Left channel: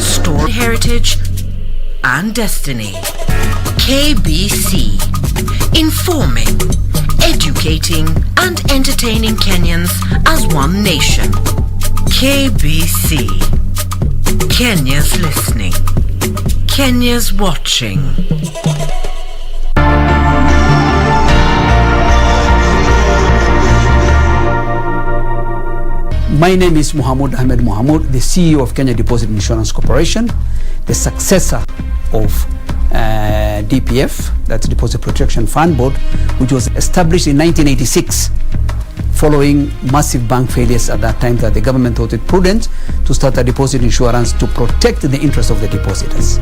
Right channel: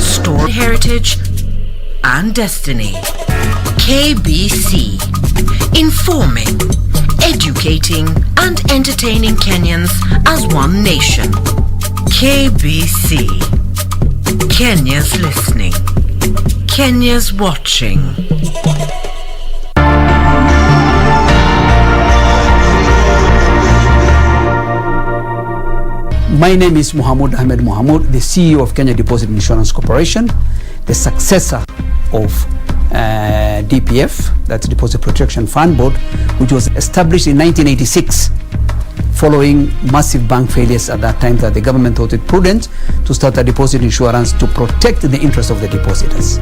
Story, heritage, and destiny. KBC. Informing, educating, and entertaining Kenyans as one nation. KBC. Kenya's listening. Kenya's watching. My name is Mohamud Ahmed Mohamud, the CEO of Kenya Deposit Insurance Corporation, the successor of DPF, that's Deposit Protection Fund Board, which was established in 1986 following massive bank failures at that time, that the government thought it prudent to start a deposit insurance to protect the interests of the depositors.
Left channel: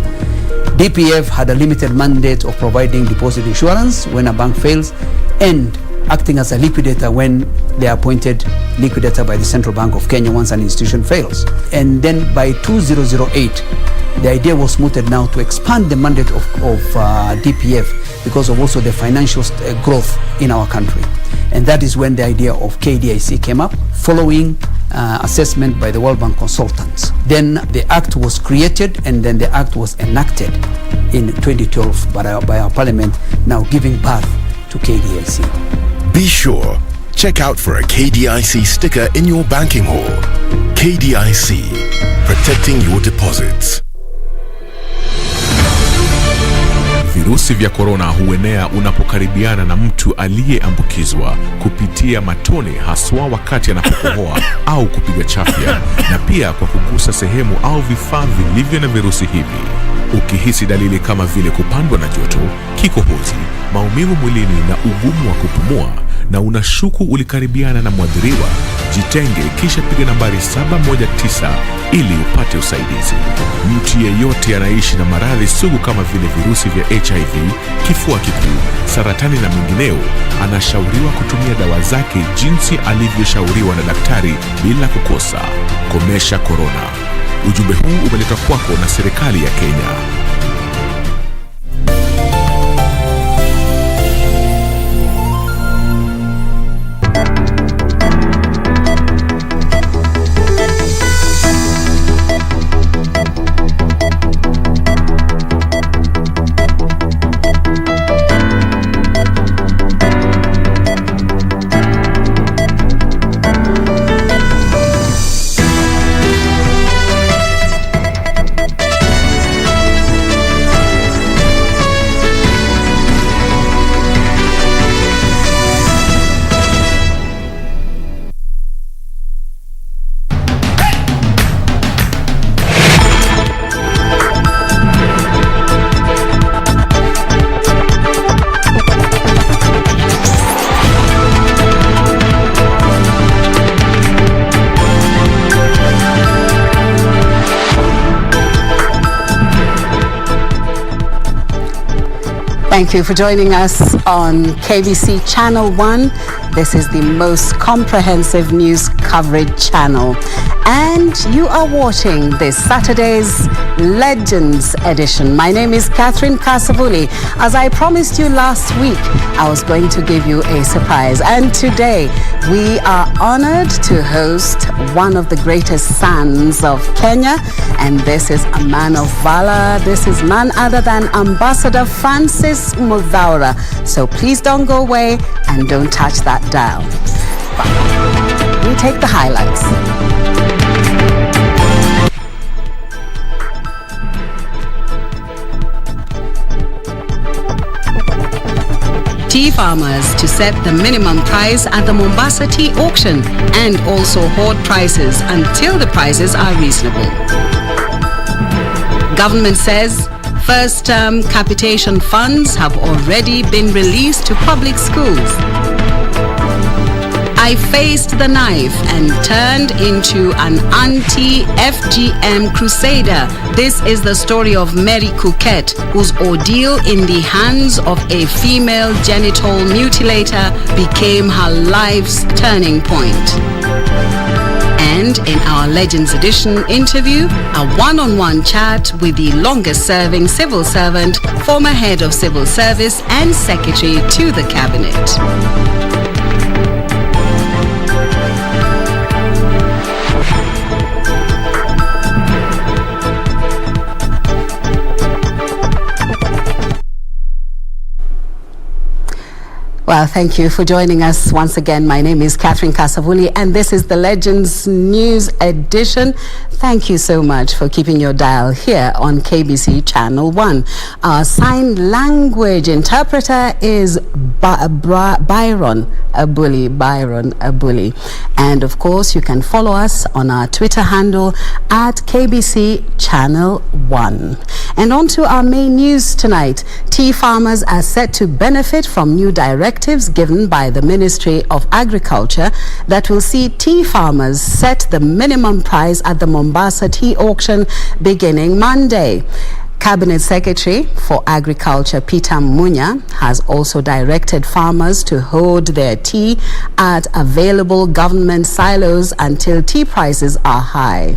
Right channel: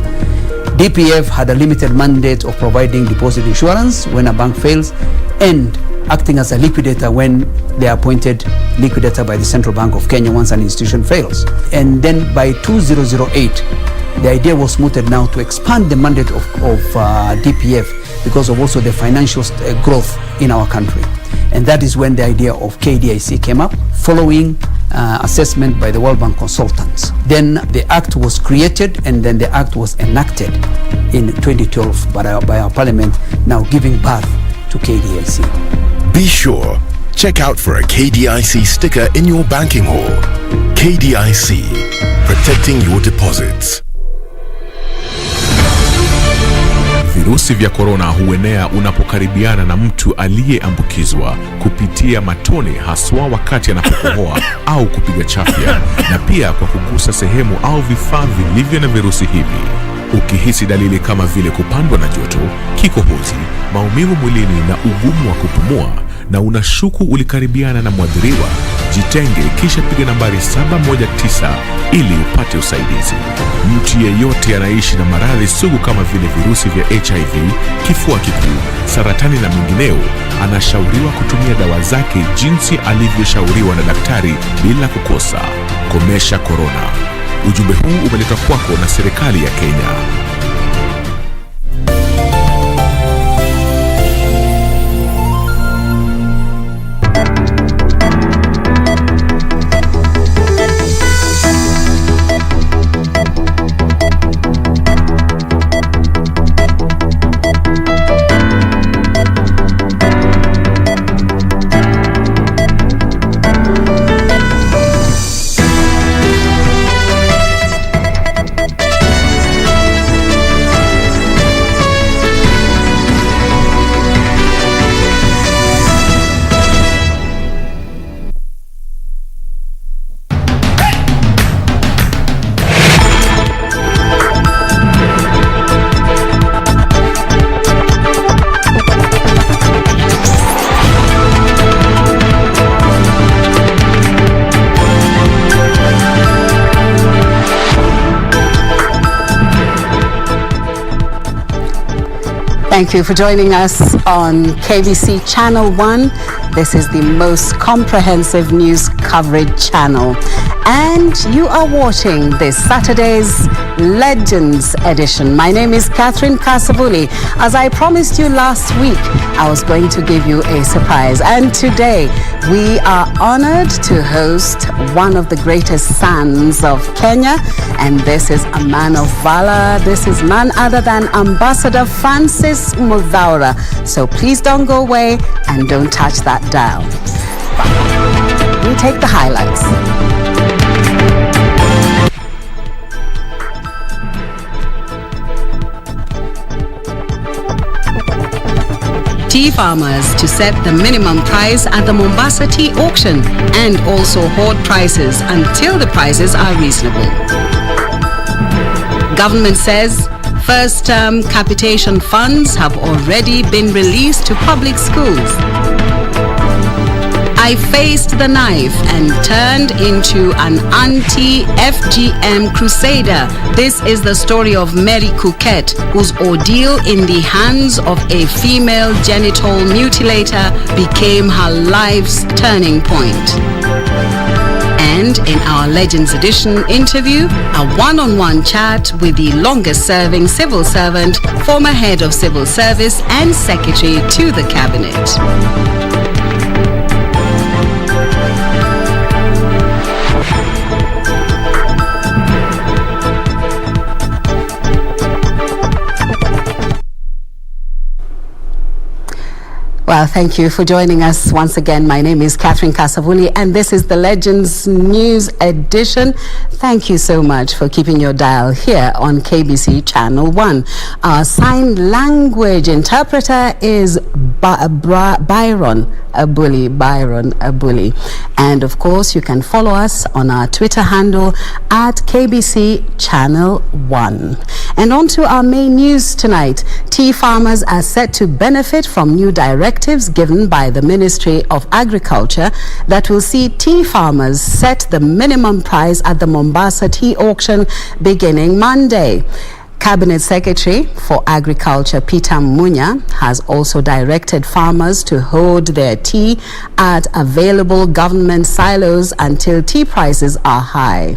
DPF had a limited mandate of providing deposit insurance when a bank fails and acting as a liquidator when they are appointed liquidator by the Central Bank of Kenya once an institution fails. And then by 2008, the idea was mooted now to expand the mandate of DPF because of also the financial growth in our country. And that is when the idea of KDIC came up, following assessment by the World Bank consultants. Then the act was created, and then the act was enacted in 2012 by our parliament, now giving birth to KDIC. Be sure, check out for a KDIC sticker in your banking hall. KDIC, protecting your deposits. Virusi vya korona huenea unapokaribiana na mtu aliyeambukizwa kupitia matone, haswa wakati anapokohoa au kupiga chafya, na pia kwa kugusa sehemu au vifaa vilivyo na virusi hivi. Ukihisi dalili kama vile kupandwa na joto, kikohozi, maumivu mwilini na ugumu wa kupumua, na unashuku ulikaribiana na mwadhiriwa, jitenge kisha piga nambari 719 ili upate usaidizi. Mtu yeyote anaishi na maradhi sugu kama vile virusi vya HIV, kifua kikuu, saratani na mengineo anashauriwa kutumia dawa zake jinsi alivyoshauriwa na daktari bila kukosa. Komesha korona. Ujumbe huu umeletwa kwako na serikali ya Kenya. Thank you for joining us on KBC Channel 1. This is the most comprehensive news coverage channel. And you are watching this Saturday's Legends edition. My name is Catherine Kasavuli. As I promised you last week, I was going to give you a surprise. And today, we are honored to host one of the greatest sons of Kenya. And this is a man of valor. This is none other than Ambassador Francis Muthaura. So please don't go away and don't touch that dial. We take the highlights. Tea farmers to set the minimum price at the Mombasa tea auction and also hoard prices until the prices are reasonable. Government says first-term capitation funds have already been released to public schools. I faced the knife and turned into an anti-FGM crusader. This is the story of Mary Kuket, whose ordeal in the hands of a female genital mutilator became her life's turning point. And in our Legends Edition interview, a one-on-one chat with the longest-serving civil servant, former head of civil service and secretary to the cabinet. Thank you for joining us once again. My name is Catherine Kasavuli, and this is the Legends News Edition. Thank you so much for keeping your dial here on KBC Channel 1. Our sign language interpreter is Byron Abuli. And of course, you can follow us on our Twitter handle at KBC Channel 1. And on to our main news tonight. Tea farmers are set to benefit from new directives given by the Ministry of Agriculture that will see tea farmers set the minimum price at the Mombasa tea auction beginning Monday. Cabinet Secretary for Agriculture Peter Munya has also directed farmers to hold their tea at available government silos until tea prices are high.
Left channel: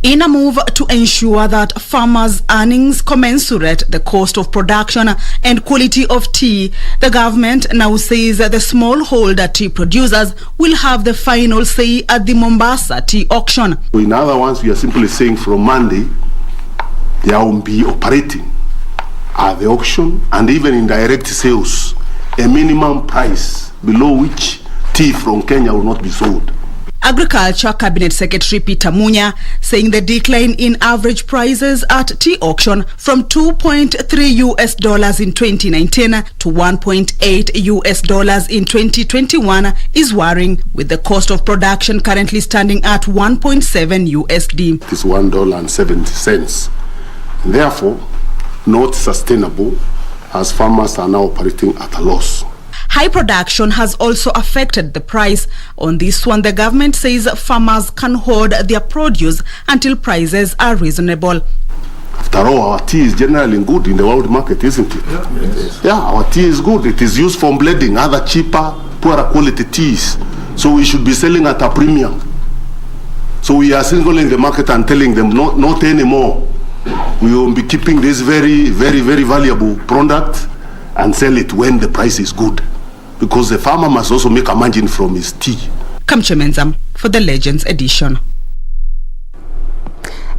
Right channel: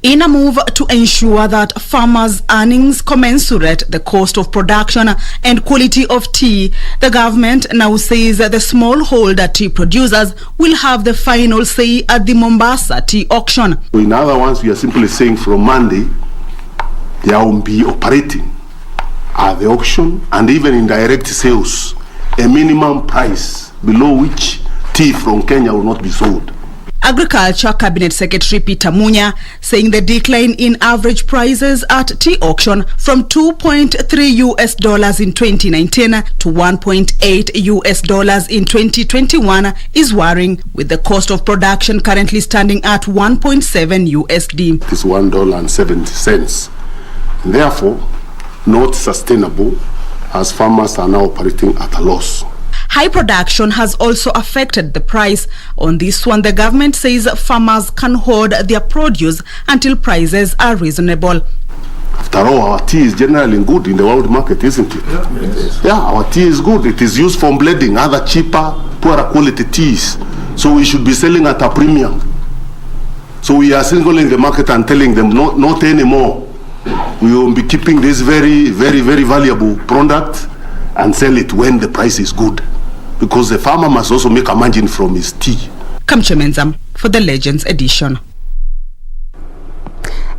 In a move to ensure that farmers' earnings commensurate the cost of production and quality of tea, the government now says that the smallholder tea producers will have the final say at the Mombasa tea auction. In other words, we are simply saying from Monday, they will be operating at the auction and even in direct sales, a minimum price below which tea from Kenya will not be sold. Agriculture Cabinet Secretary Peter Munya saying the decline in average prices at tea auction from $2.3 in 2019 to $1.8 in 2021 is worrying, with the cost of production currently standing at $1.7. It is $1.70. Therefore, not sustainable, as farmers are now operating at a loss. High production has also affected the price. On this one, the government says farmers can hold their produce until prices are reasonable. After all, our tea is generally good in the world market, isn't it? Yeah, our tea is good. It is used for blending other cheaper, poorer quality teas. So we should be selling at a premium. So we are singling the market and telling them not anymore. We will be keeping this very, very, very valuable product and sell it when the price is good, because the farmer must also make a margin from his tea. Kamche Menzam for the Legends Edition.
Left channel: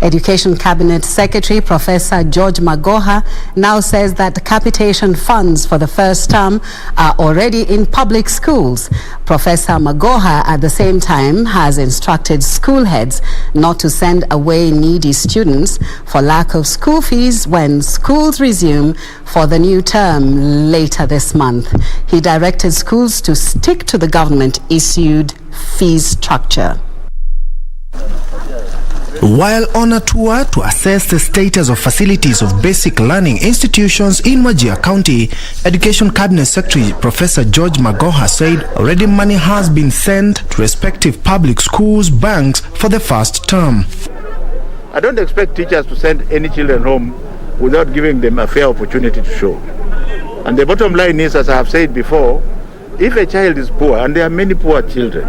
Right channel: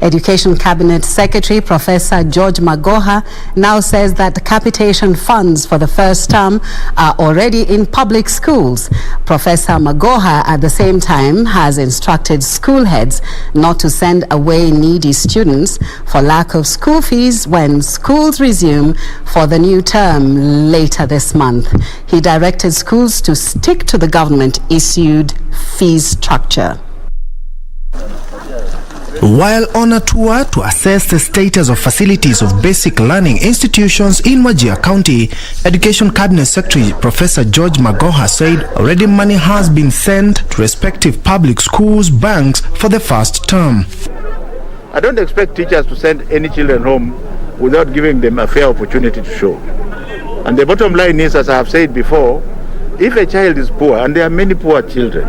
Education Cabinet Secretary Professor George Magoha now says that capitation funds for the first term are already in public schools. Professor Magoha at the same time has instructed school heads not to send away needy students for lack of school fees when schools resume for the new term later this month. He directed schools to stick to the government-issued fee structure. While on a tour to assess the status of facilities of basic learning institutions in Wajir County, Education Cabinet Secretary Professor George Magoha said already money has been sent to respective public schools, banks for the first term. I don't expect teachers to send any children home without giving them a fair opportunity to show. And the bottom line is, as I have said before, if a child is poor, and there are many poor children,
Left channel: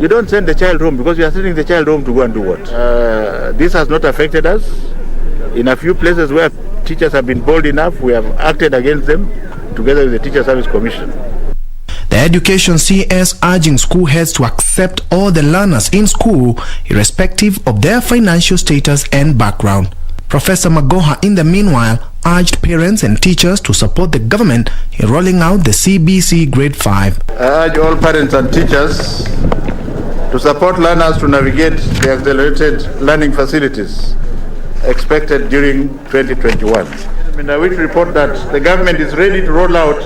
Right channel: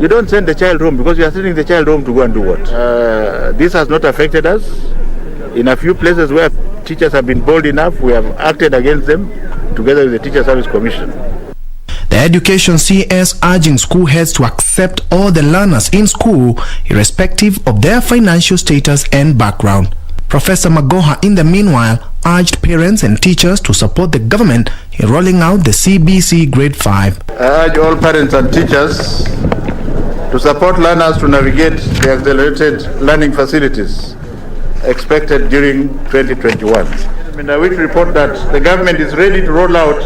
you don't send the child home because you are sending the child home to go and do what? This has not affected us. In a few places where teachers have been bold enough, we have acted against them together with the Teacher Service Commission. The Education CS urging school heads to accept all the learners in school, irrespective of their financial status and background. Professor Magoha, in the meanwhile, urged parents and teachers to support the government in rolling out the CBC Grade 5. I urge all parents and teachers to support learners to navigate the accelerated learning facilities expected during 2021. I wish to report that the government is ready to roll out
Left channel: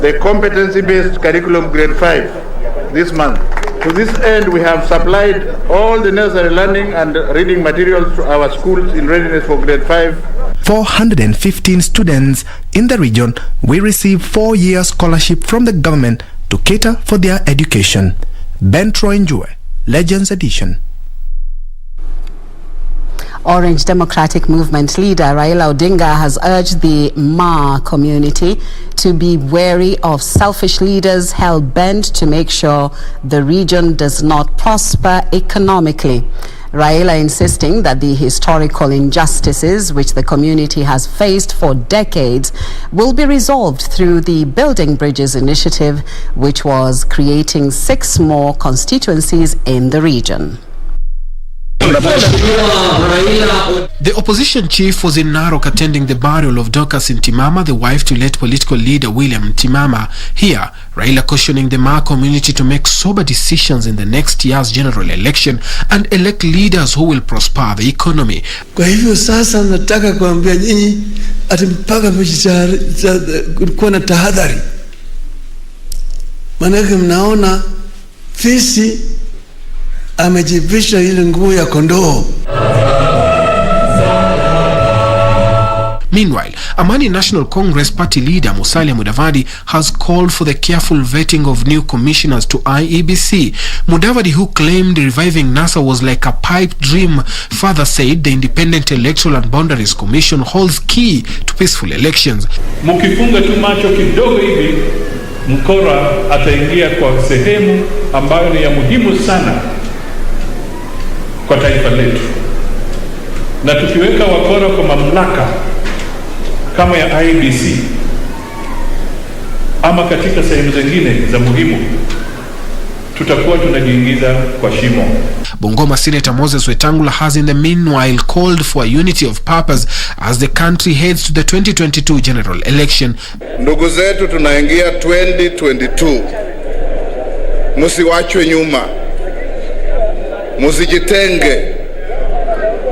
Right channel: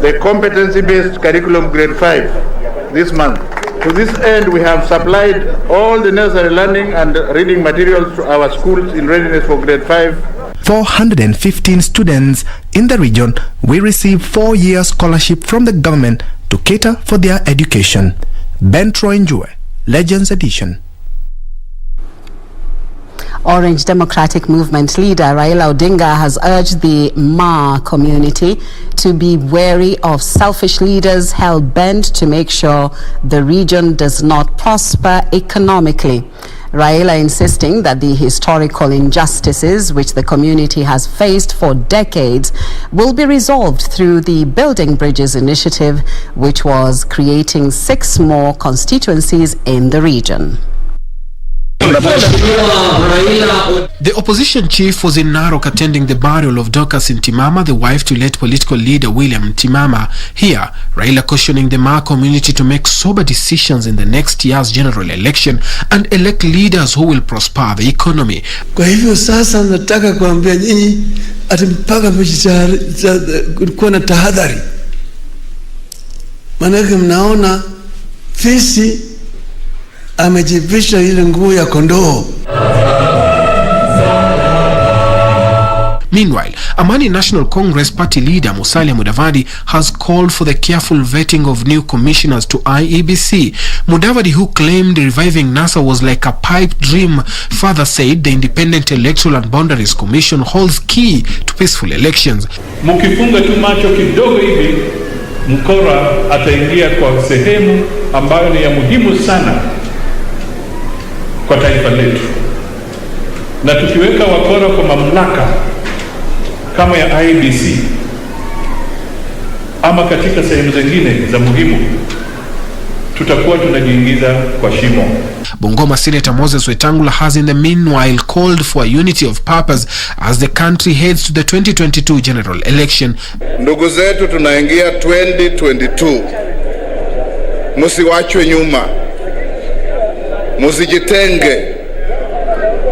the competency-based curriculum Grade 5 this month. To this end, we have supplied all the necessary learning and reading materials to our schools in readiness for Grade 5. 415 students in the region will receive 4-year scholarship from the government to cater for their education. Ben Troinjue, Legends Edition. Orange Democratic Movement leader Raila Odinga has urged the Ma community to be wary of selfish leaders hell-bent to make sure the region does not prosper economically. Raila insisting that the historical injustices which the community has faced for decades will be resolved through the Building Bridges initiative, which was creating 6 more constituencies in the region. The opposition chief was in Narok attending the burial of Dorcas Ntimama, the wife to late political leader William Ntimama. Here, Raila cautioning the Maa community to make sober decisions in the next year's general election and elect leaders who will prosper the economy. Kwa hivyo sasa nataka kuambia nyinyi ati mpaka kulikuwa na tahadhari. Manake mnaona fisi amejivisha ile nguo ya kondoo. Meanwhile, Amani National Congress Party leader Musalia Mudavadi has called for the careful vetting of new commissioners to IEBC. Mudavadi, who claimed reviving NASA was like a pipe dream, further said the Independent Electoral and Boundaries Commission holds key to peaceful elections. Mukifunga tu macho kidogo hivi, mkora ataingia kwa sehemu ambayo ni ya muhimu sana kwa taifa letu. Na tukiweka wakora kwa mamlaka kama ya IEBC ama katika sehemu zingine za muhimu, tutakuwa tunajiingiza kwa shimo. Bungoma Senator Moses Wetangula has in the meanwhile called for a unity of purpose as the country heads to the 2022 general election. Ndugu zetu, tunaingia 2022. Musiwachwe nyuma. Musijitenge.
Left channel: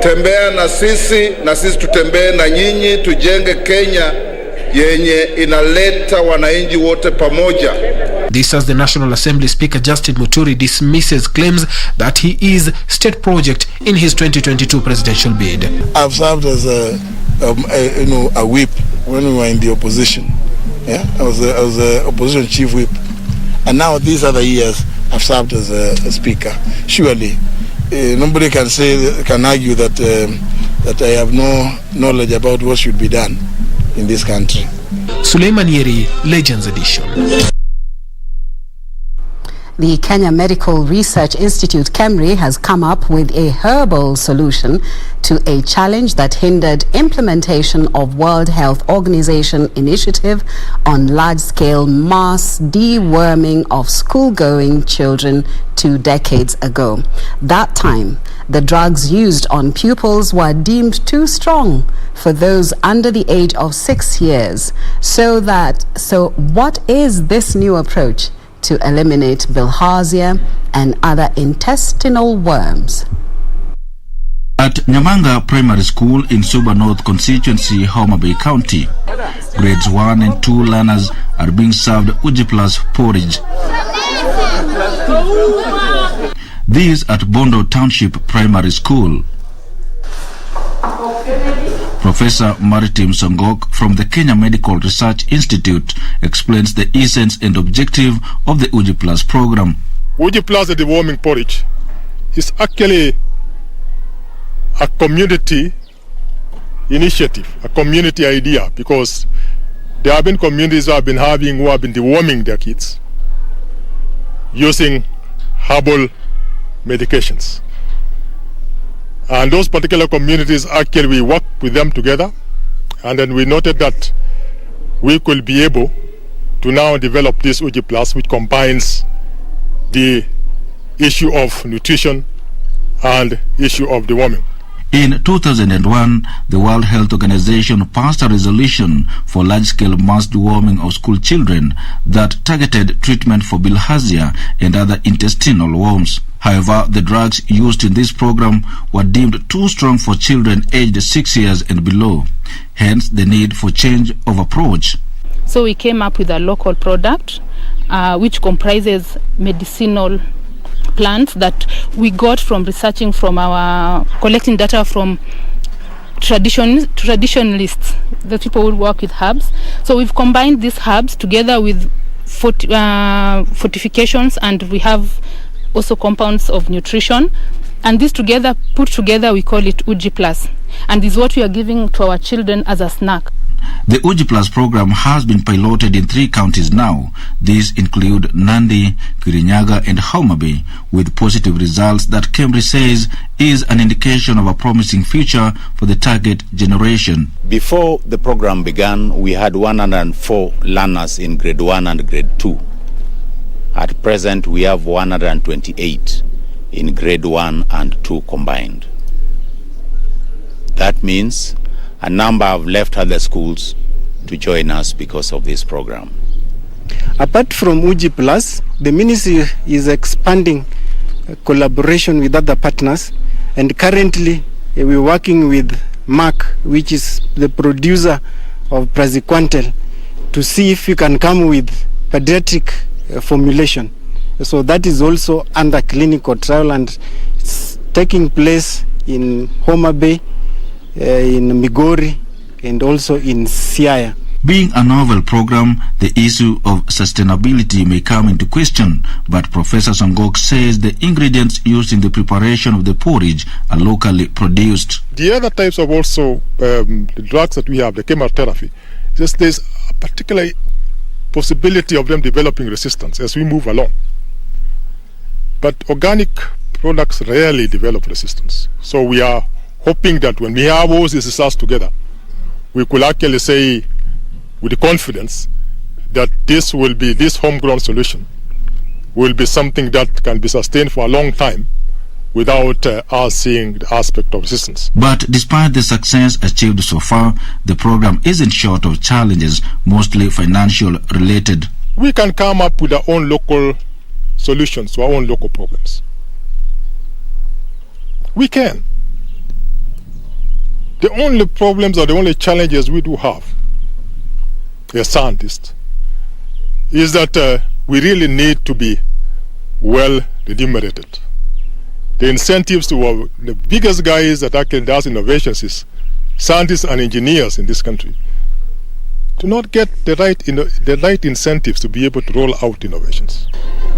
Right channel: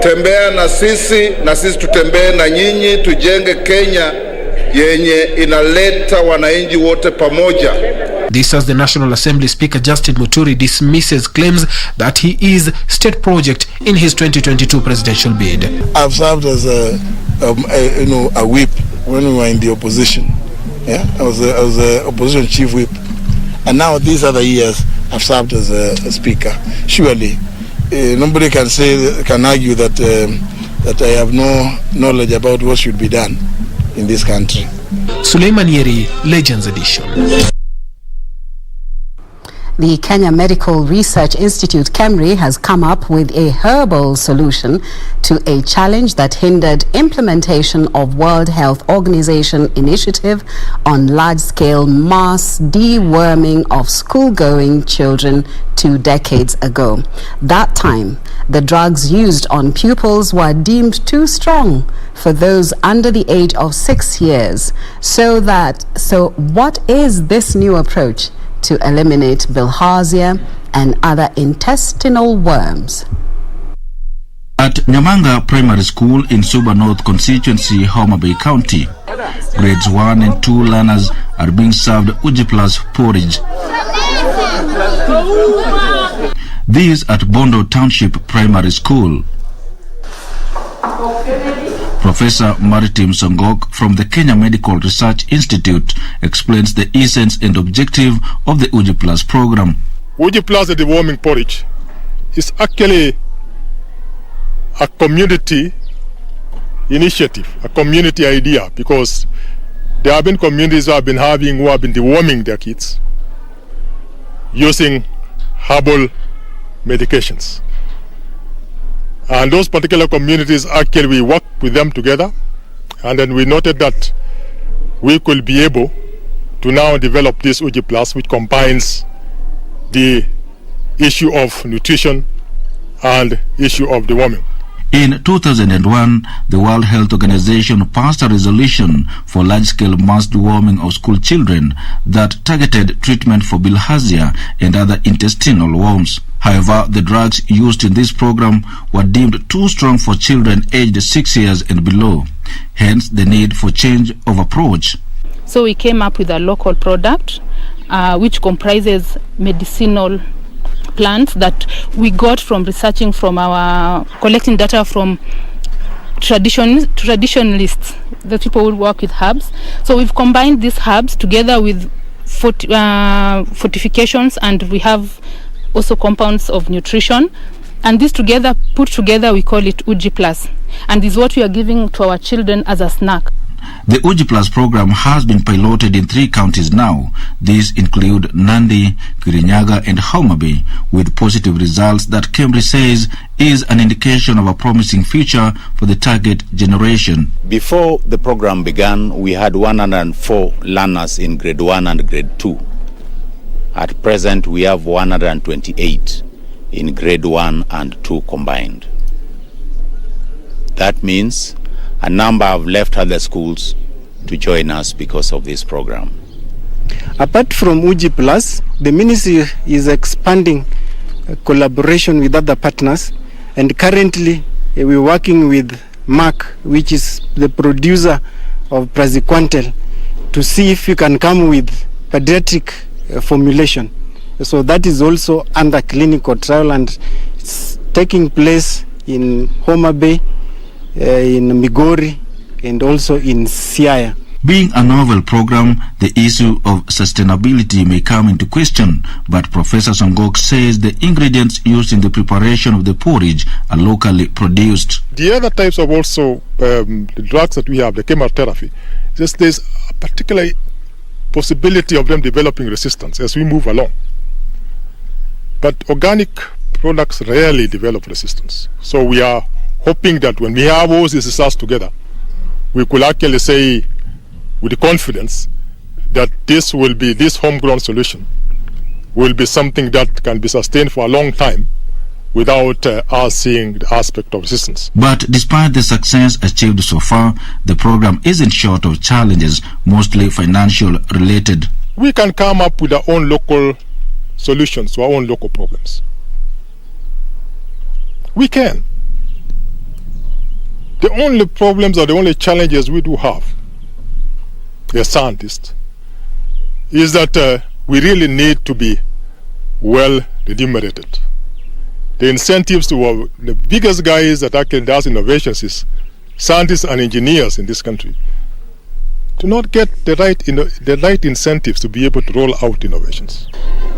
Tembea na sisi tutembee na nyinyi, tujenge Kenya yenye inaleta wananchi wote pamoja. This as the National Assembly Speaker Justin Muturi dismisses claims that he is state project in his 2022 presidential bid. I've served as a whip when we were in the opposition. Yeah, I was a opposition chief whip, and now these other years I've served as a speaker. Surely, nobody can argue that I have no knowledge about what should be done in this country. Suleiman Yeri, Legends Edition. The Kenya Medical Research Institute, KEMRI, has come up with a herbal solution to a challenge that hindered implementation of World Health Organization initiative on large-scale mass deworming of school-going children 2 decades ago. That time, the drugs used on pupils were deemed too strong for those under the age of 6 years. So what is this new approach to eliminate bilharzia and other intestinal worms? At Nyamanga Primary School in Suba North Constituency, Homa Bay County, grades 1 and 2 learners are being served Uji Plus porridge. This at Bondo Township Primary School. Professor Maritim Songok from the Kenya Medical Research Institute explains the essence and objective of the Uji Plus program. Uji Plus, the deworming porridge, is actually a community initiative, a community idea, because there have been communities who have been deworming their kids using herbal medications. And those particular communities, actually, we worked with them together, and then we noted that we could be able to now develop this Uji Plus, which combines the issue of nutrition and issue of deworming. In 2001, the World Health Organization passed a resolution for large-scale mass deworming of school children that targeted treatment for bilharzia and other intestinal worms. However, the drugs used in this program were deemed too strong for children aged 6 years and below. Hence, the need for change of approach. So we came up with a local product which comprises medicinal plants that we got from researching from collecting data from traditionalists, the people who work with herbs. So we've combined these herbs together with fortifications, and we have also compounds of nutrition, and this together, put together, we call it Uji Plus, and this is what we are giving to our children as a snack. The Uji Plus program has been piloted in 3 counties now. These include Nandi, Kirinyaga and Homa Bay, with positive results that KEMRI says is an indication of a promising future for the target generation. Before the program began, we had 104 learners in grade 1 and grade 2. At present, we have 128. in grade 1 and 2 combined. That means a number have left other schools to join us because of this program. Apart from UG Plus, the ministry is expanding collaboration with other partners, and currently we're working with Mark, which is the producer of Praziquantel, to see if we can come with pediatric formulation. So that is also under clinical trial, and it's taking place in Homa Bay, in Migori, and also in Siaya. Being a novel program, the issue of sustainability may come into question, but Professor Songok says the ingredients used in the preparation of the porridge are locally produced. The other types of also the drugs that we have, the chemotherapy, just there's a particular possibility of them developing resistance as we move along. But organic products rarely develop resistance. So we are hoping that when we have all these results together, we could actually say with confidence that this homegrown solution will be something that can be sustained for a long time without us seeing the aspect of resistance. But despite the success achieved so far, the program isn't short of challenges, mostly financial related. We can come up with our own local solutions to our own local problems. We can. The only problems or the only challenges we do have as scientists is that we really need to be well remunerated. The incentives to the biggest guys that actually does innovations is scientists and engineers in this country to not get the right incentives to be able to roll out innovations.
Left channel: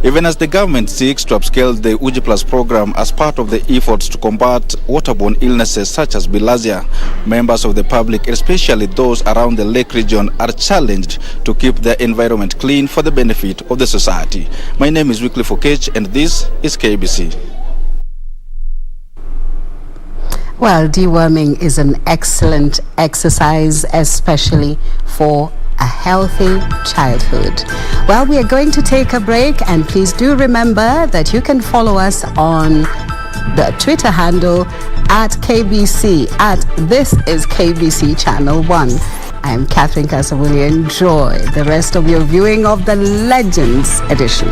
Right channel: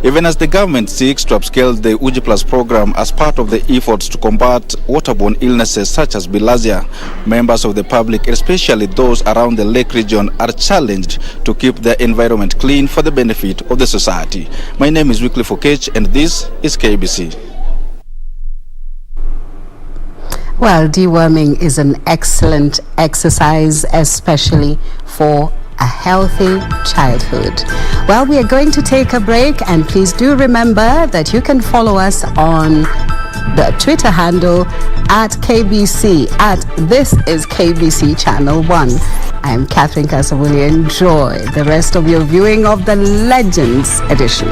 Even as the government seeks to upscale the UG Plus program as part of the efforts to combat waterborne illnesses such as bilharzia, members of the public, especially those around the lake region, are challenged to keep their environment clean for the benefit of the society. My name is Wycliffe Okech, and this is KBC. Well, deworming is an excellent exercise, especially for a healthy childhood. Well, we are going to take a break, and please do remember that you can follow us on the Twitter handle at KBC, at This is KBC Channel 1. I'm Catherine Kasavuli. Enjoy the rest of your viewing of the Legends edition.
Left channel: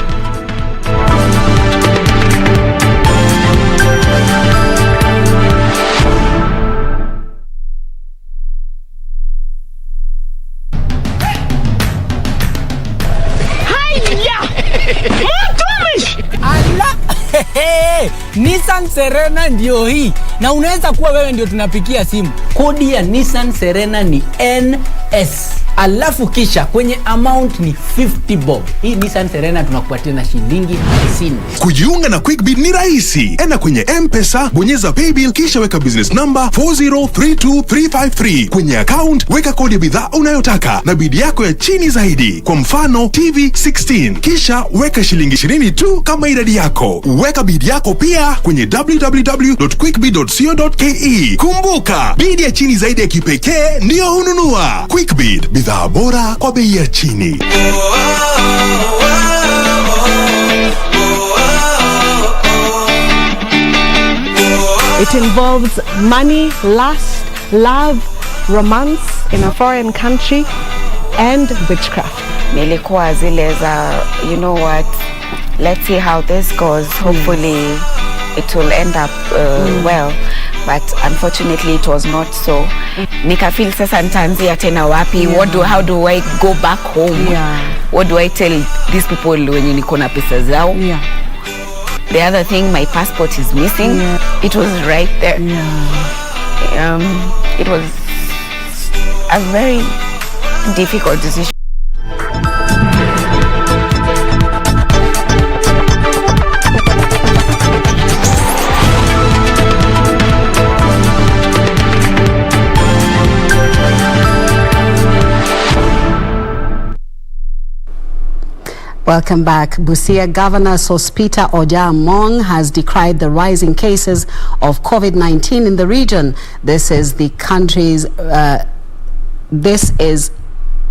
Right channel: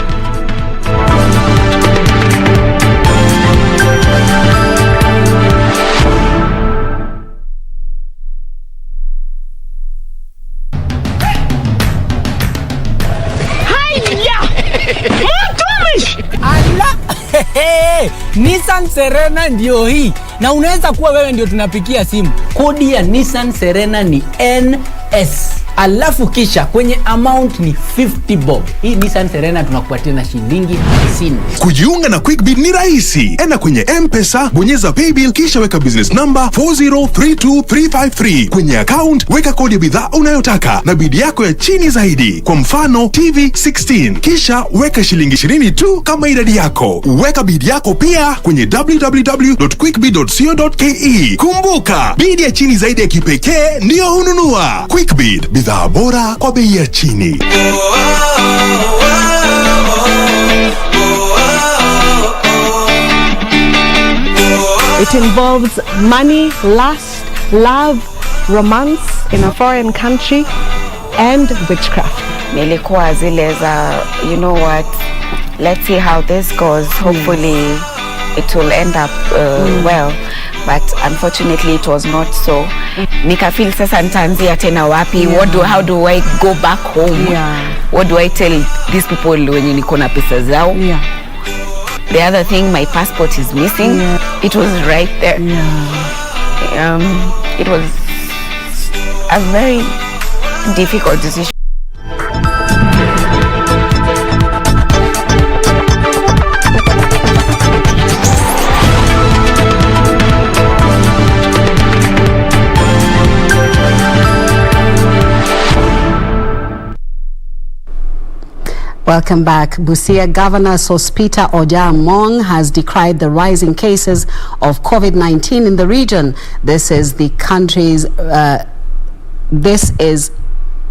Nissan Serena ndio hii, na unaweza kuwa wewe ndio tunapikia simu. Kodi ya Nissan Serena ni NS, alafu kisha kwenye amount ni 50 bob. Hii Nissan Serena tunakupatia na shilingi 50. Kujiunga na QuickBid ni rahisi. Enda kwenye M-Pesa, bonyeza paybill, kisha weka business number 4032353. Kwenye account weka kodi ya bidhaa unayotaka na bid yako ya chini zaidi, kwa mfano TV 16, kisha weka shilingi 20 tu kama idadi yako. Weka bid yako pia kwenye www.quickbid.co.ke. Kumbuka, bid ya chini zaidi ya kipekee ndio ununua. QuickBid, bidhaa bora kwa bei ya chini. It involves money, lust, love, romance in a foreign country, and witchcraft. Nilikuwa zile za, you know what, let's see how this goes. Hopefully it will end up well. But unfortunately it was not so. Nikafeel sasa nitaanzia tena wapi? How do I go back home? What do I tell these people wenye niko na pesa zao? The other thing, my passport is missing. It was right there. It was a very difficult decision. Welcome back. Busia Governor Sospita Oja-Among has decried the rising cases of COVID-19 in the region. This is the country's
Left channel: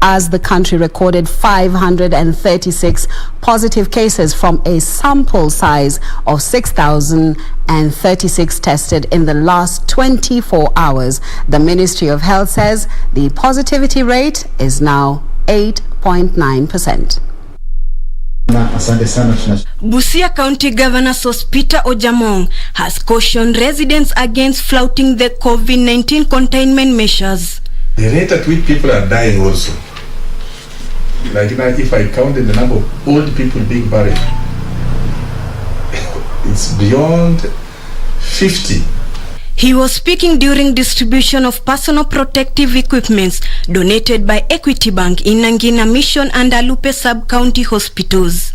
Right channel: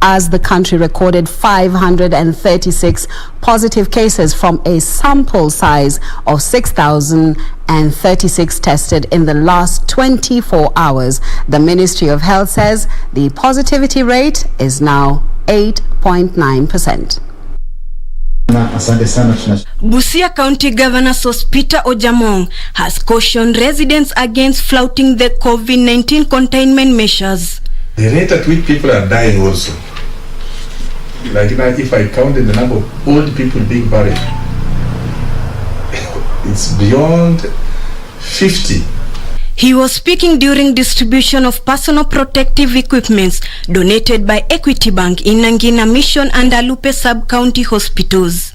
as the country recorded 536 positive cases from a sample size of 6,036 tested in the last 24 hours. The Ministry of Health says the positivity rate is now 8.9%. Busia County Governor Sospita Ojamong has cautioned residents against flouting the COVID-19 containment measures. The rate at which people are dying also, like if I counted the number of old people being buried, it's beyond 50. He was speaking during distribution of personal protective equipments donated by Equity Bank in Nangina Mission and Alupe Sub-County Hospitals.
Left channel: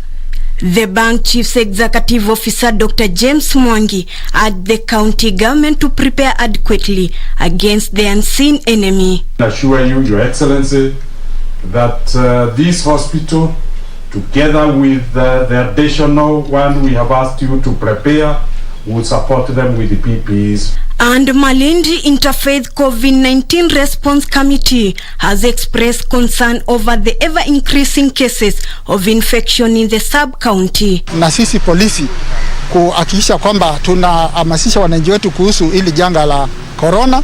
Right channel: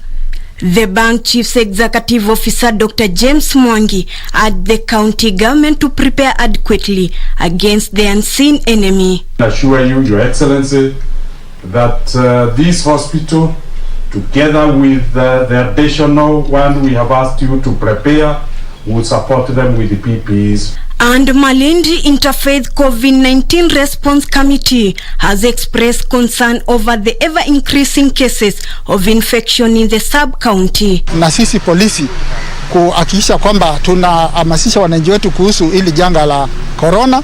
The bank chief's executive officer, Dr. James Mwangi, urged the county government to prepare adequately against the unseen enemy. I assure you, Your Excellency, that this hospital, together with the additional one we have asked you to prepare, will support them with the PPEs. And Malindi Interfaith COVID-19 Response Committee has expressed concern over the ever-increasing cases of infection in the sub-county. Na sisi polisi kuhakikisha kwamba tunahamasisha wananchi wetu kuhusu ili janga la corona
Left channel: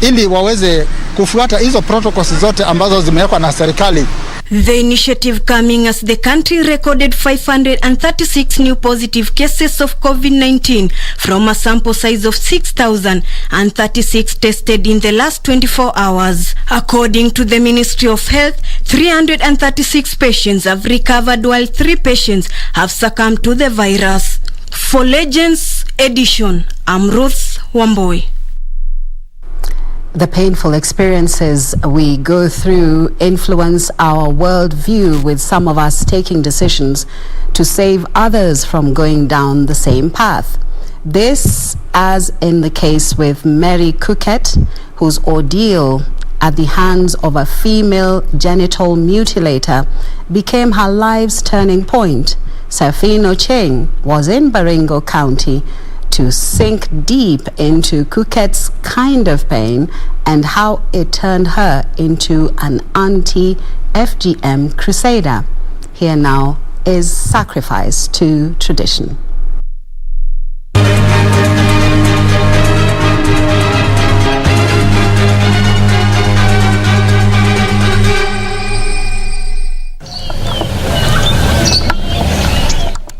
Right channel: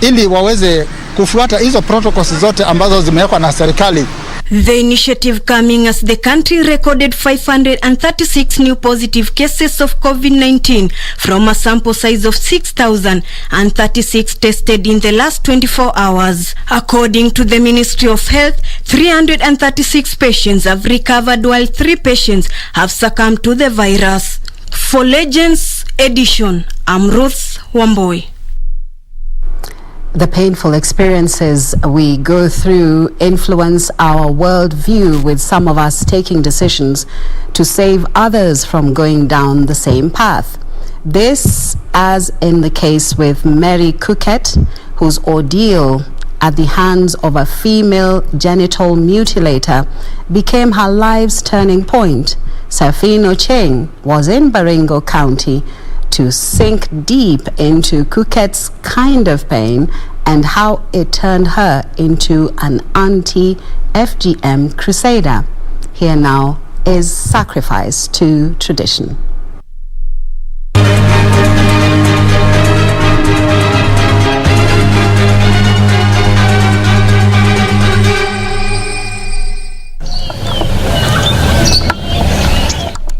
ili waweze kufuata hizo protocols zote ambazo zimewekwa na serikali. The initiative coming as the country recorded 536 new positive cases of COVID-19 from a sample size of 6,036 tested in the last 24 hours. According to the Ministry of Health, 336 patients have recovered while 3 patients have succumbed to the virus. For Legends Edition, I'm Ruth Wamboi. The painful experiences we go through influence our worldview, with some of us taking decisions to save others from going down the same path. This, as in the case with Mary Kuket, whose ordeal at the hands of a female genital mutilator became her life's turning point. Safino Cheng was in Baringo County to sink deep into Kuket's kind of pain and how it turned her into an anti-FGM crusader. Here now is Sacrifice to Tradition.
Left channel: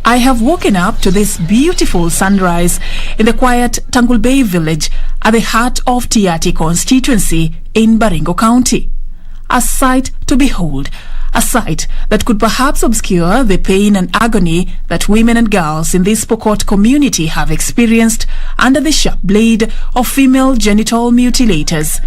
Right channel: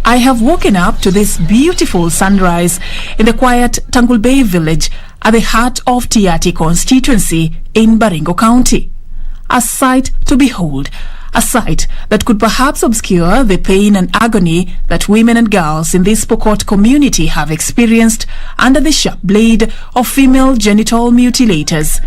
I have woken up to this beautiful sunrise in the quiet Tangul Bay village at the heart of Tiati constituency in Baringo County. A sight to behold, a sight that could perhaps obscure the pain and agony that women and girls in this Pokot community have experienced under the sharp blade of female genital mutilators.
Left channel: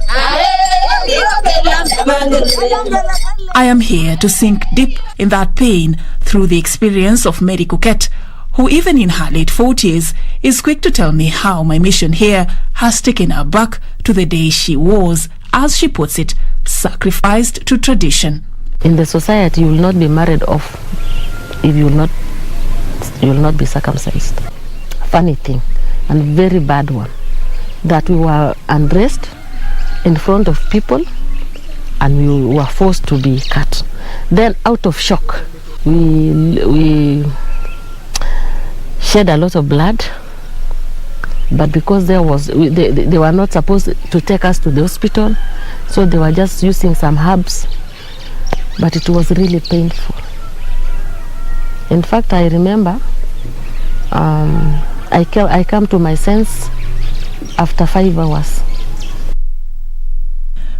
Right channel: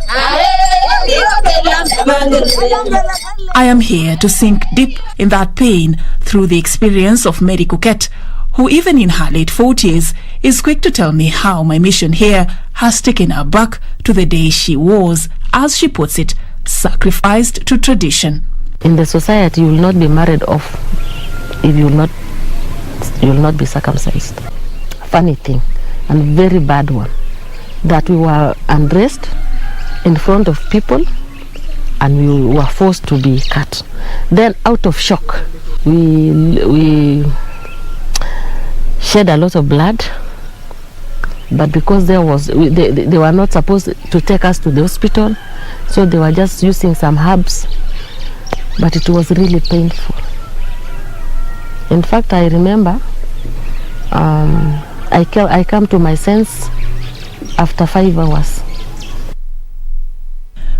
I am here to sink deep in that pain through the experience of Mary Kuket, who even in her late 40s is quick to tell me how my mission here has taken her back to the day she was, as she puts it, sacrificed to tradition. In the society, you will not be married off if you will not be circumcised. Funny thing, and very bad one, that we were undressed in front of people and we were forced to be cut. Then out of shock, we shed a lot of blood, but because they were not supposed to take us to the hospital, so they were just using some herbs, but it was really painful. In fact, I remember I come to my sense after 5 hours.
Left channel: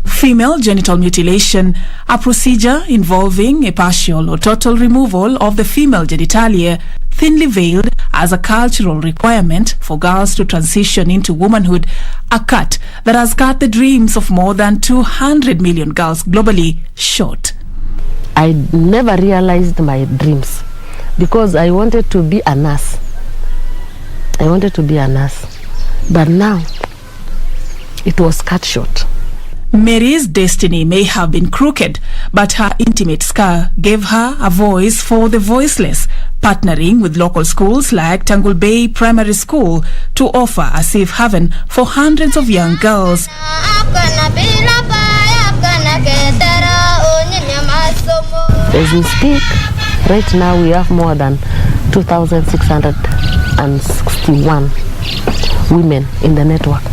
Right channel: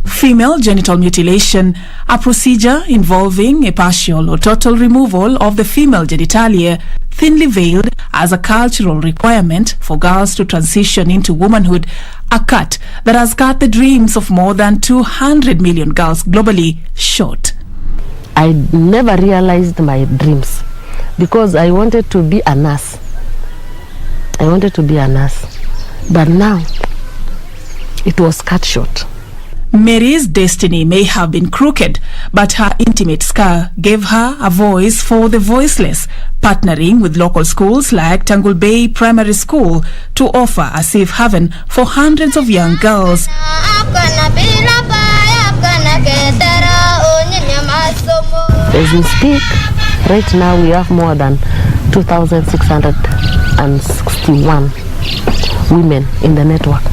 Female genital mutilation, a procedure involving a partial or total removal of the female genitalia, thinly veiled as a cultural requirement for girls to transition into womanhood, a cut that has cut the dreams of more than 200 million girls globally short. I never realized my dreams because I wanted to be a nurse. But now it was cut short. Mary's destiny may have been crooked, but her intimate scar gave her a voice for the voiceless, partnering with local schools like Tangul Bay Primary School to offer a safe haven for hundreds of young girls. As we speak, right now we have more than 2,661 women in the network.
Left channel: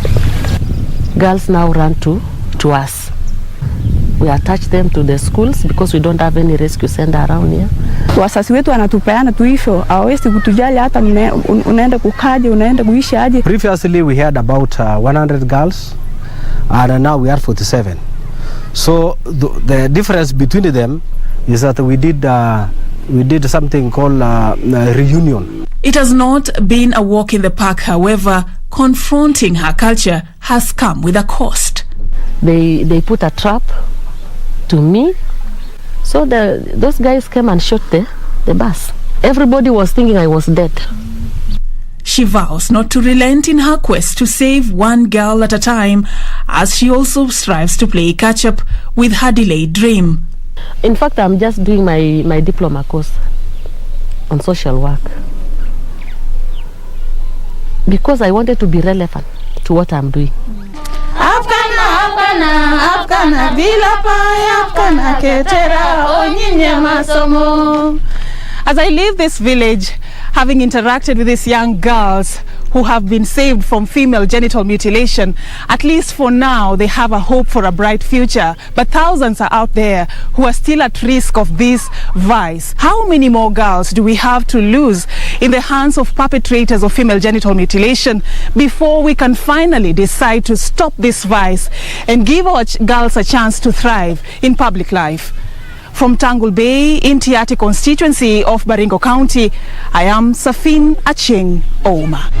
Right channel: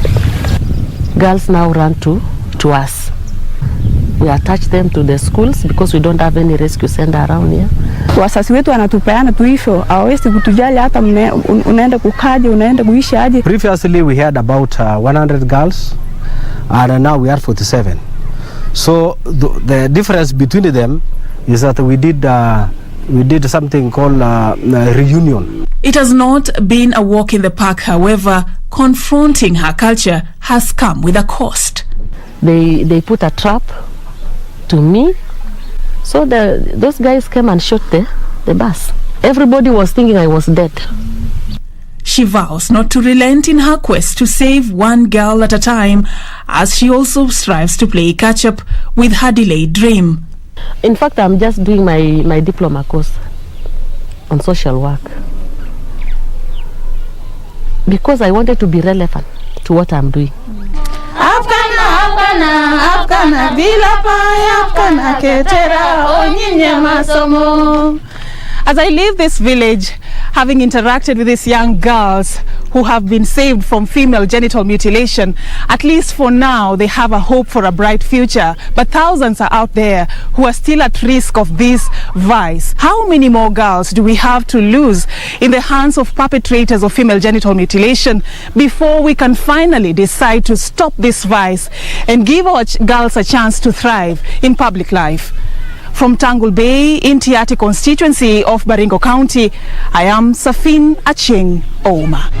Girls now run to us. We attach them to the schools because we don't have any rescue center around here. Wasasi wetu wanatupeana tu hivyo, hawawezi kutujali hata unaenda kukaje, unaenda kuishi aje. Previously we had about 100 girls and now we are 47. So the difference between them is that we did something called reunion. It has not been a walk in the park, however. Confronting her culture has come with a cost. They put a trap to me, so those guys came and shot the bus. Everybody was thinking I was dead. She vows not to relent in her quest to save one girl at a time, as she also strives to play catch-up with her delayed dream. In fact, I'm just doing my diploma course on social work because I wanted to be relevant to what I'm doing. As I leave this village, having interacted with these young girls who have been saved from female genital mutilation, at least for now they have a hope for a bright future. But thousands are out there who are still at risk of this vice. How many more girls do we have to lose in the hands of perpetrators of female genital mutilation before we can finally decide to stop this vice and give our girls a chance to thrive in public life? From Tangul Bay in Tiati constituency of Baringo County, I am Safin Acheng Oma.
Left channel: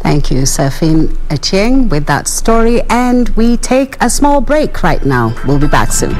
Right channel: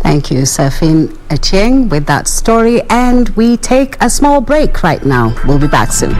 Thank you, Safin Acheng, with that story. And we take a small break right now. We'll be back soon.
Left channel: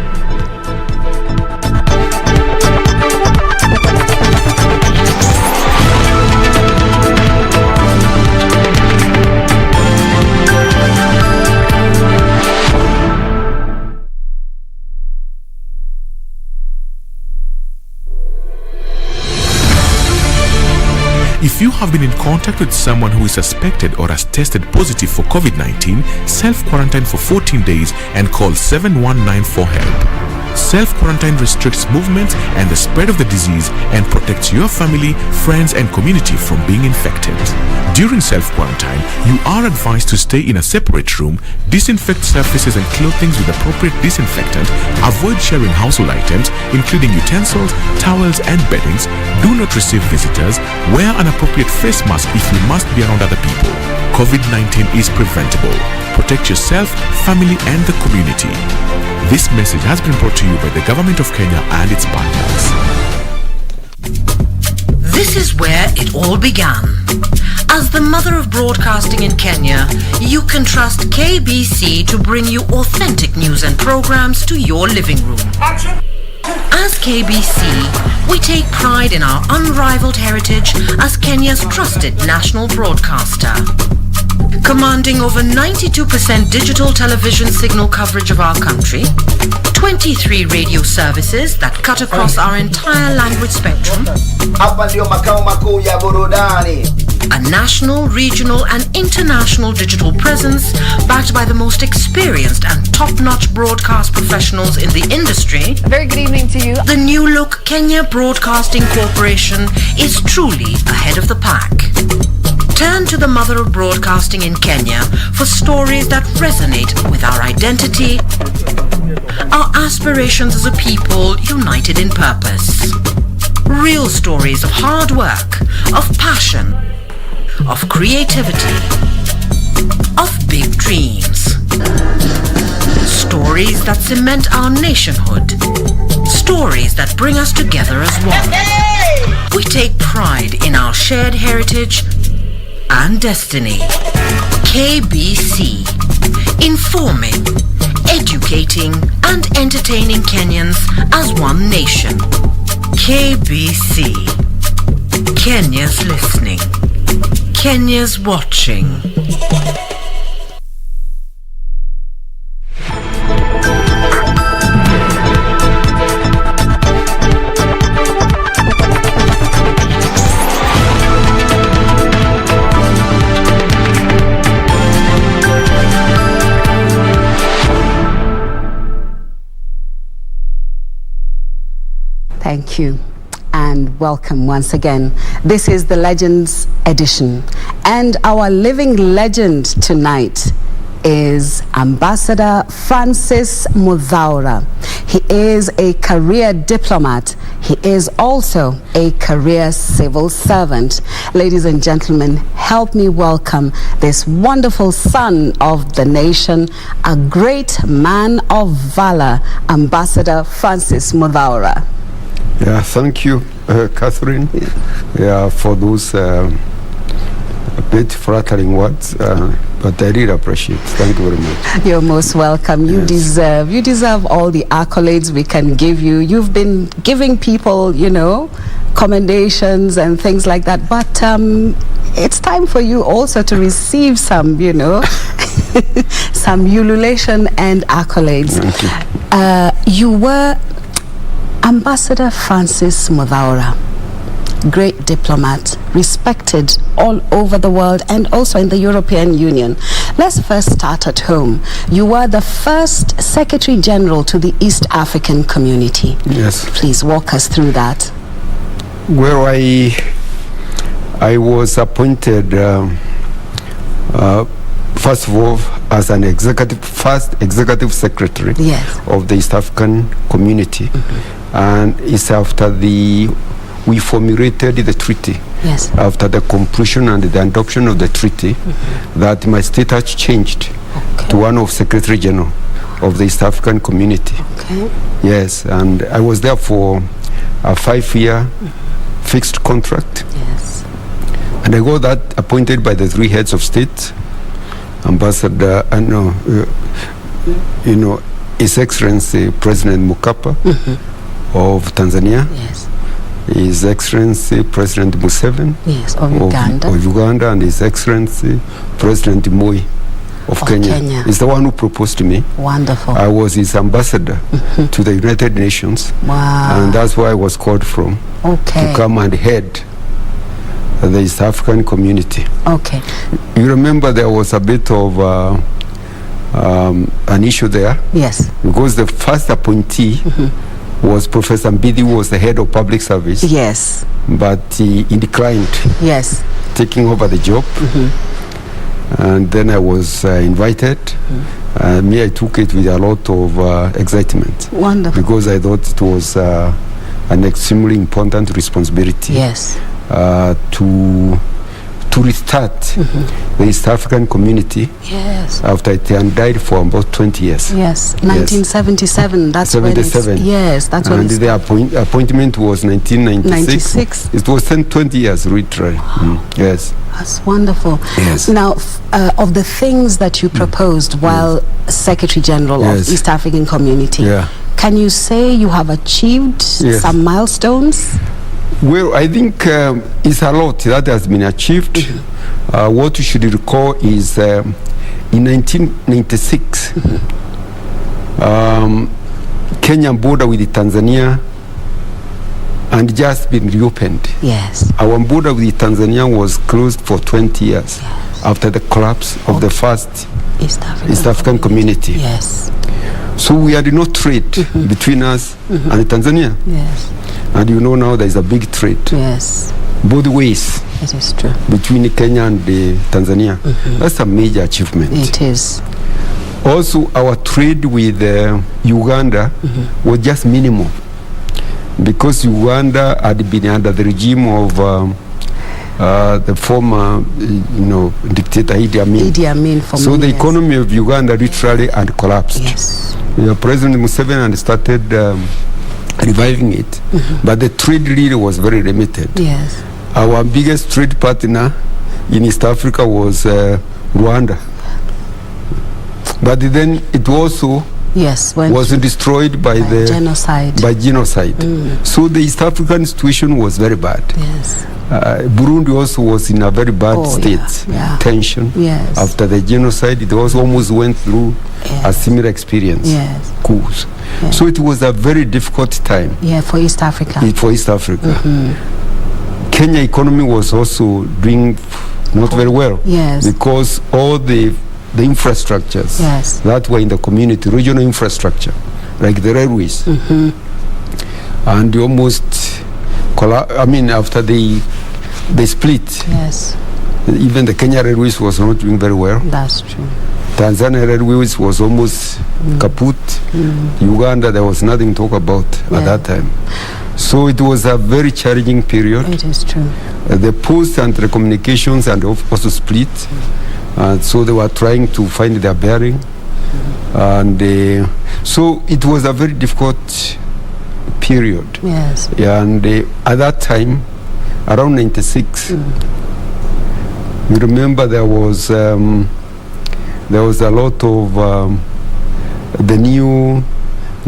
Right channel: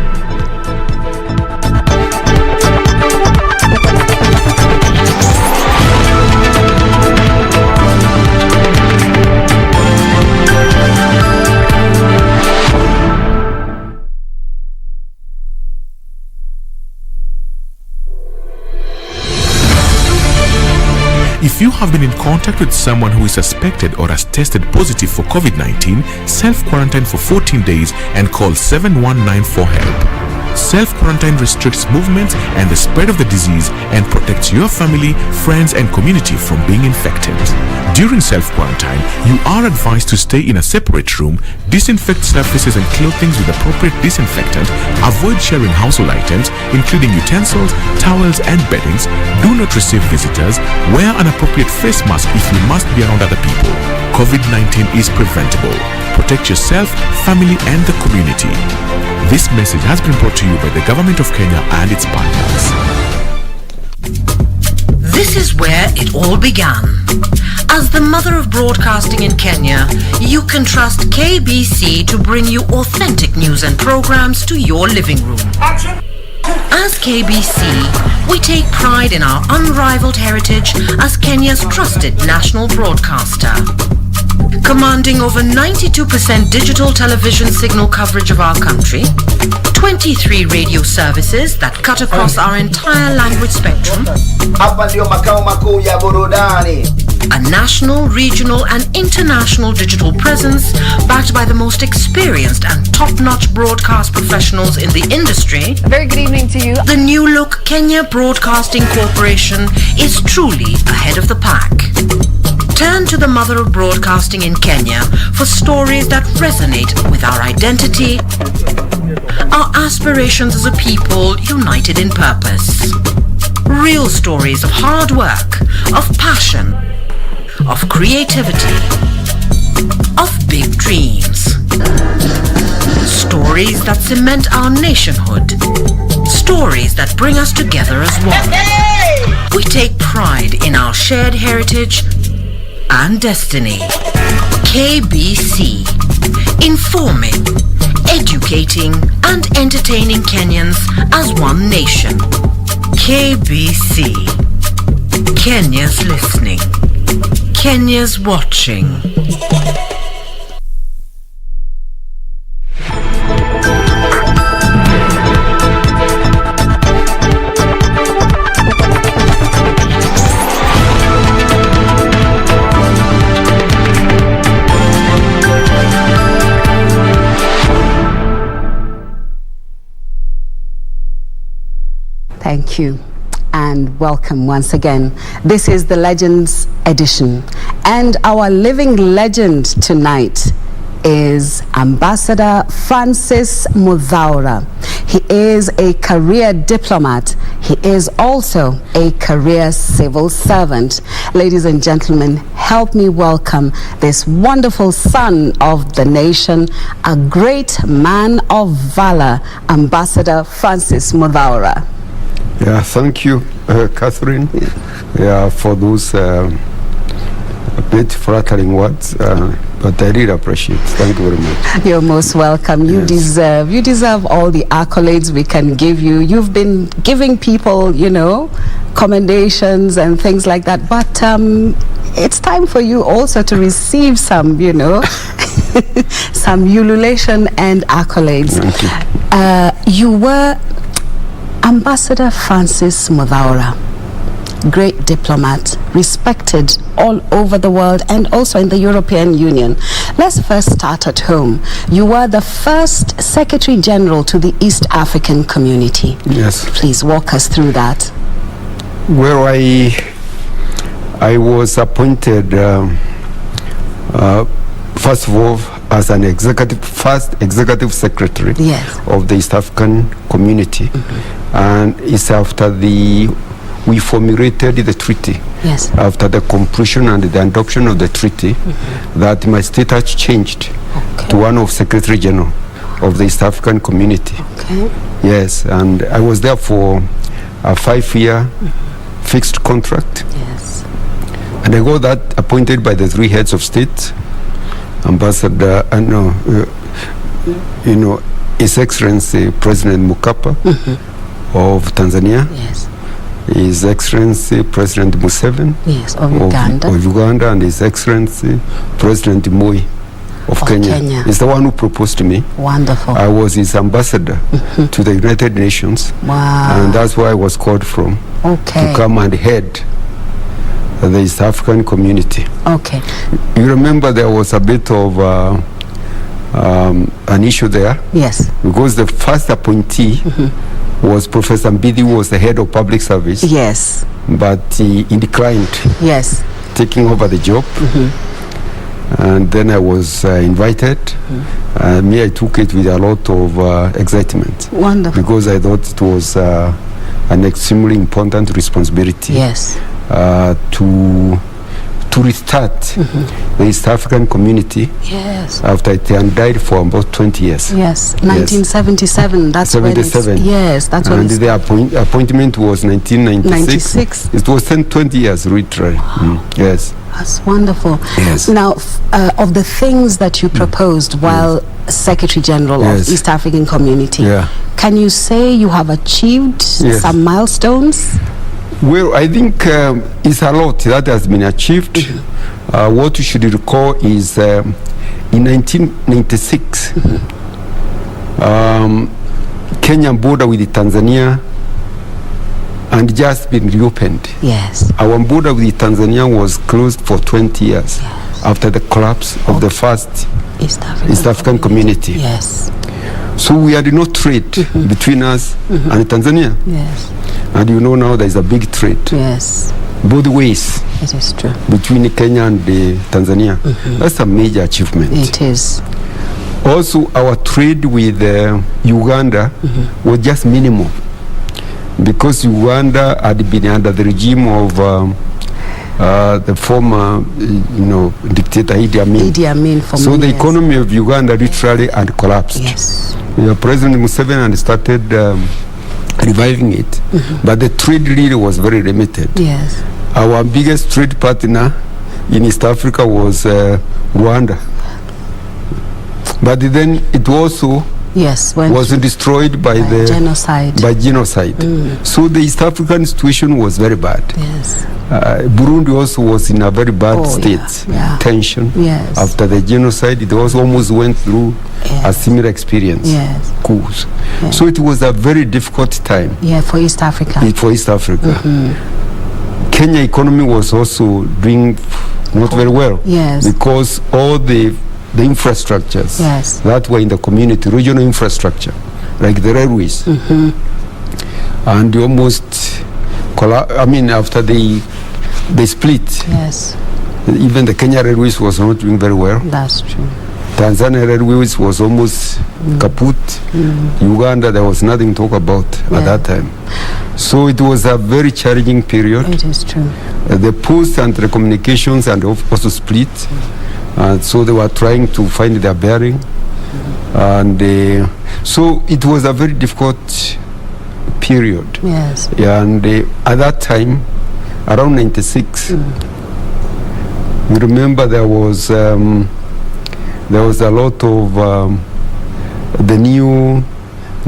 If you have been in contact with someone who is suspected or has tested positive for COVID-19, self-quarantine for 14 days and call 7194 for help. Self-quarantine restricts movements and the spread of the disease and protects your family, friends and community from being infected. During self-quarantine, you are advised to stay in a separate room, disinfect surfaces and clothing with appropriate disinfectant, avoid sharing household items, including utensils, towels and beddings, do not receive visitors, wear an appropriate face mask if you must be around other people. COVID-19 is preventable. Protect yourself, family and the community. This message has been brought to you by the Government of Kenya and its partners. This is where it all began. As the mother of broadcasting in Kenya, you can trust KBC to bring you authentic news and programs to your living room. As KBC, we take pride in our unrivaled heritage as Kenya's trusted national broadcaster. Commanding over 92% digital television signal coverage of our country, 23 radio services that cut across our entire language spectrum, a national, regional and international digital presence backed by the most experienced and top-notch broadcast professionals in the industry. Very good evening to you. The new look Kenya Broadcasting Corporation is truly ahead of the pack. Turn to the mother of broadcasting in Kenya for stories that resonate with our identity, our aspirations as a people united in purpose. Real stories of hard work, of passion, of creativity, of big dreams. Stories that cement our nationhood. Stories that bring us together as one. We take pride in our shared heritage and destiny. KBC, informing, educating and entertaining Kenyans as one nation. KBC, Kenya's listening, Kenya's watching. Thank you. And welcome once again. This is the Legends edition. And our living legend tonight is Ambassador Francis Muthaura. He is a career diplomat. He is also a career civil servant. Ladies and gentlemen, help me welcome this wonderful son of the nation, a great man of valor, Ambassador Francis Muthaura. Yeah, thank you, Catherine, for those bit flattering words. But I really appreciate it. Thank you very much. You're most welcome. You deserve all the accolades we can give you. You've been giving people, commendations and things like that. But it's time for you also to receive some, some ululation and accolades. Thank you. You were Ambassador Francis Muthaura, great diplomat, respected all over the world and also in the European Union. Let's first start at home. You were the first Secretary General to the East African Community. Yes. Please walk us through that. Well, I was appointed, first of all, as an first executive secretary of the East African Community. And it's after we formulated the treaty. Yes. After the completion and the adoption of the treaty, that my status changed to one of Secretary General of the East African Community. Okay. Yes, and I was there for a 5-year fixed contract. Yes. And I got that appointed by the 3 heads of state, Ambassador, His Excellency President Mkapa of Tanzania. Yes. His Excellency President Museveni of Uganda, and His Excellency President Moi of Kenya. He's the one who proposed to me. Wonderful. I was his ambassador to the United Nations. Wow. And that's where I was called from to come and head the East African Community. Okay. You remember there was a bit of an issue there. Yes. Because the first appointee was Professor Mbidi, who was the head of public service. Yes. But he declined taking over the job. And then I was invited. I took it with a lot of excitement. Wonderful. Because I thought it was an extremely important responsibility. Yes. To restart the East African Community. Yes. After it had died for about 20 years. Yes, 1977. That's 77. When yes, that's when. And the appointment was 1996. 96. It was 20 years literally. Yes. That's wonderful. Yes. Now, of the things that you proposed while Secretary General of East African Community, can you say you have achieved some milestones? Well, I think it's a lot that has been achieved. What you should recall is in 1996, Kenyan border with Tanzania and just been reopened. Yes. Our border with Tanzania was closed for 20 years after the collapse of the first East African Community. Yes. So we had no trade between us and Tanzania. Yes. And now there is a big trade. Yes. Both ways. It is true. Between Kenya and Tanzania. That's a major achievement. It is. Also, our trade with Uganda was just minimal. Because Uganda had been under the regime of the former, dictator Idi Amin. Idi Amin for so the economy of Uganda literally had collapsed. Yes. President Museveni had started reviving it, but the trade really was very limited. Yes. Our biggest trade partner in East Africa was Rwanda. But then it also was destroyed by the genocide. So the East African situation was very bad. Yes. Burundi also was in a very bad state, tension. Yes. After the genocide, it also almost went through a similar experience. Yes. Coups. So it was a very difficult time. Yeah, for East Africa. Kenya economy was also doing not very well. Yes. Because all the infrastructures that were in the community, regional infrastructure, like the railways, and almost after they split. Yes. Even the Kenya Railways was not doing very well. That's true. Tanzania Railways was almost kaput. Uganda, there was nothing to talk about at that time. So it was a very challenging period. It is true. The post and telecommunications and also split. And so they were trying to find their bearing. And so it was a very difficult period. Yes. And at that time, around 96, you remember there was a lot of the new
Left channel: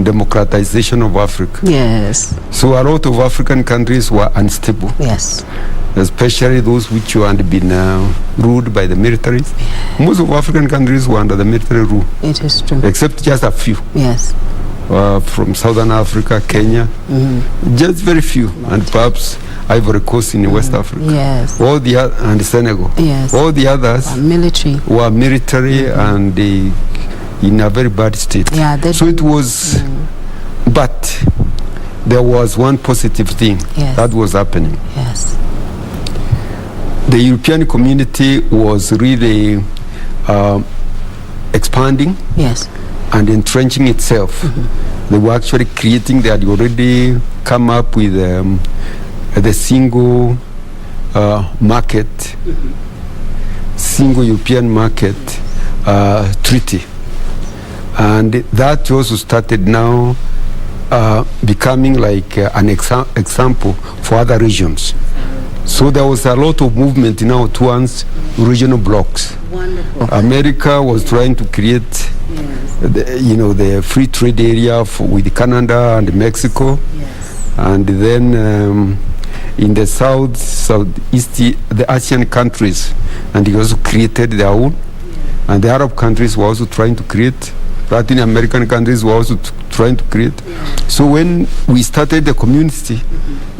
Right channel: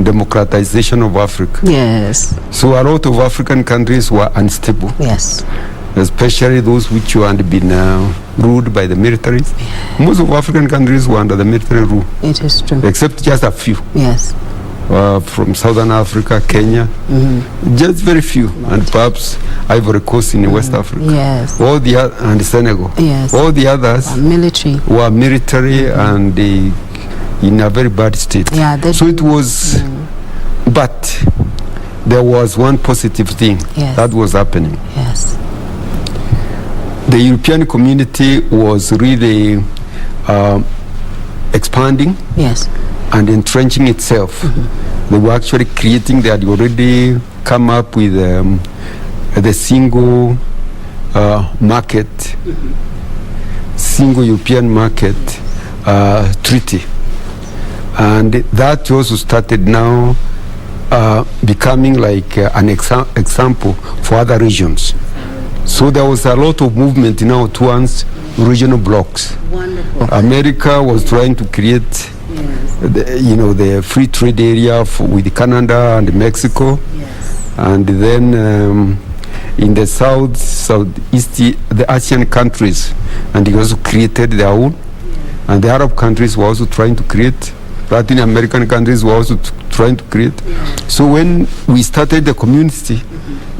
democratization of Africa. Yes. So a lot of African countries were unstable. Yes. Especially those which had been ruled by the militaries. Most of African countries were under the military rule. It is true. Except just a few. Yes. From Southern Africa, Kenya. Just very few. And perhaps Ivory Coast in West Africa. Yes. And Senegal. Yes. All the others were military and in a very bad state. Yeah, so it was, but there was one positive thing that was happening. Yes. The European community was really expanding. Yes. And entrenching itself. They were actually creating, they had already come up with the single market, single European market treaty. And that also started now becoming like an example for other regions. So there was a lot of movement now towards regional blocks. Wonderful. America was trying to create the free trade area with Canada and Mexico. Yes. And then in the southeast, the Asian countries, and they also created their own. And the Arab countries were also trying to create. Latin American countries were also trying to create. So when we started the community,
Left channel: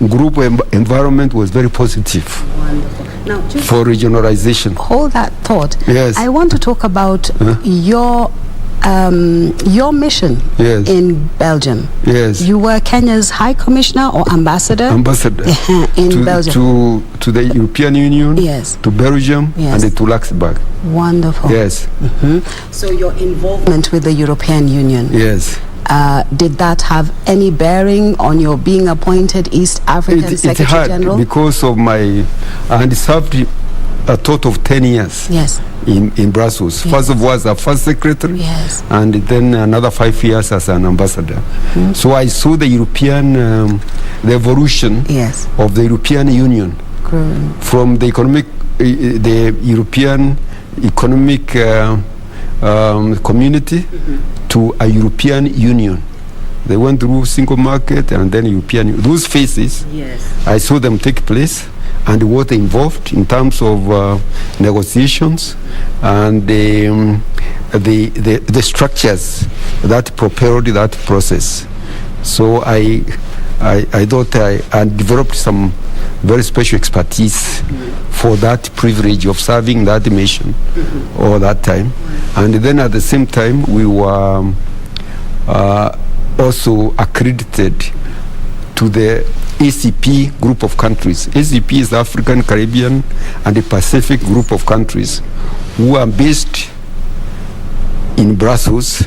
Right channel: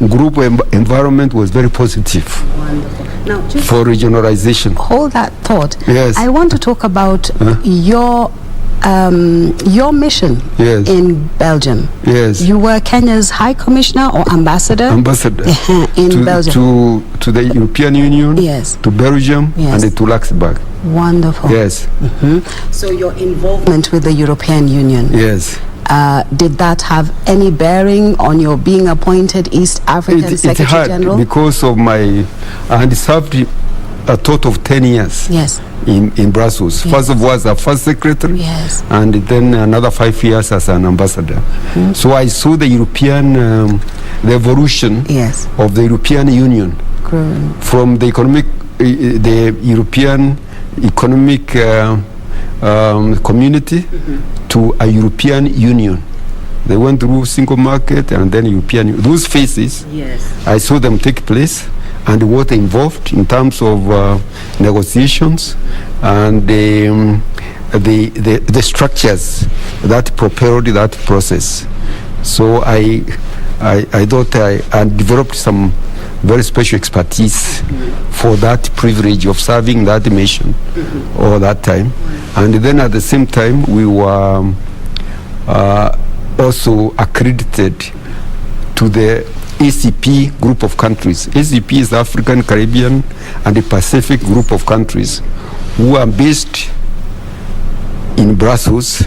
group environment was very positive. Wonderful. Now, just for regionalization. Hold that thought. Yes. I want to talk about your mission in Belgium. Yes. You were Kenya's High Commissioner or Ambassador? Ambassador. in Belgium. To the European Union. Yes. To Belgium and to Luxembourg. Wonderful. Yes. So your involvement with the European Union. Yes. Did that have any bearing on your being appointed East African Secretary General? Because of I had served a total of 10 years. Yes. In Brussels. Yes. First of all as a first secretary. Yes. And then another 5 years as an ambassador. So I saw the European, the evolution of the European Union. From the European economic community to a European Union. They went through single market and then European. Those phases, I saw them take place and what involved in terms of negotiations and the structures that propelled that process. So I thought I developed some very special expertise for that privilege of serving that mission all that time. And then at the same time, we were also accredited to the ACP group of countries. ACP is the African, Caribbean, and the Pacific group of countries who are based in Brussels,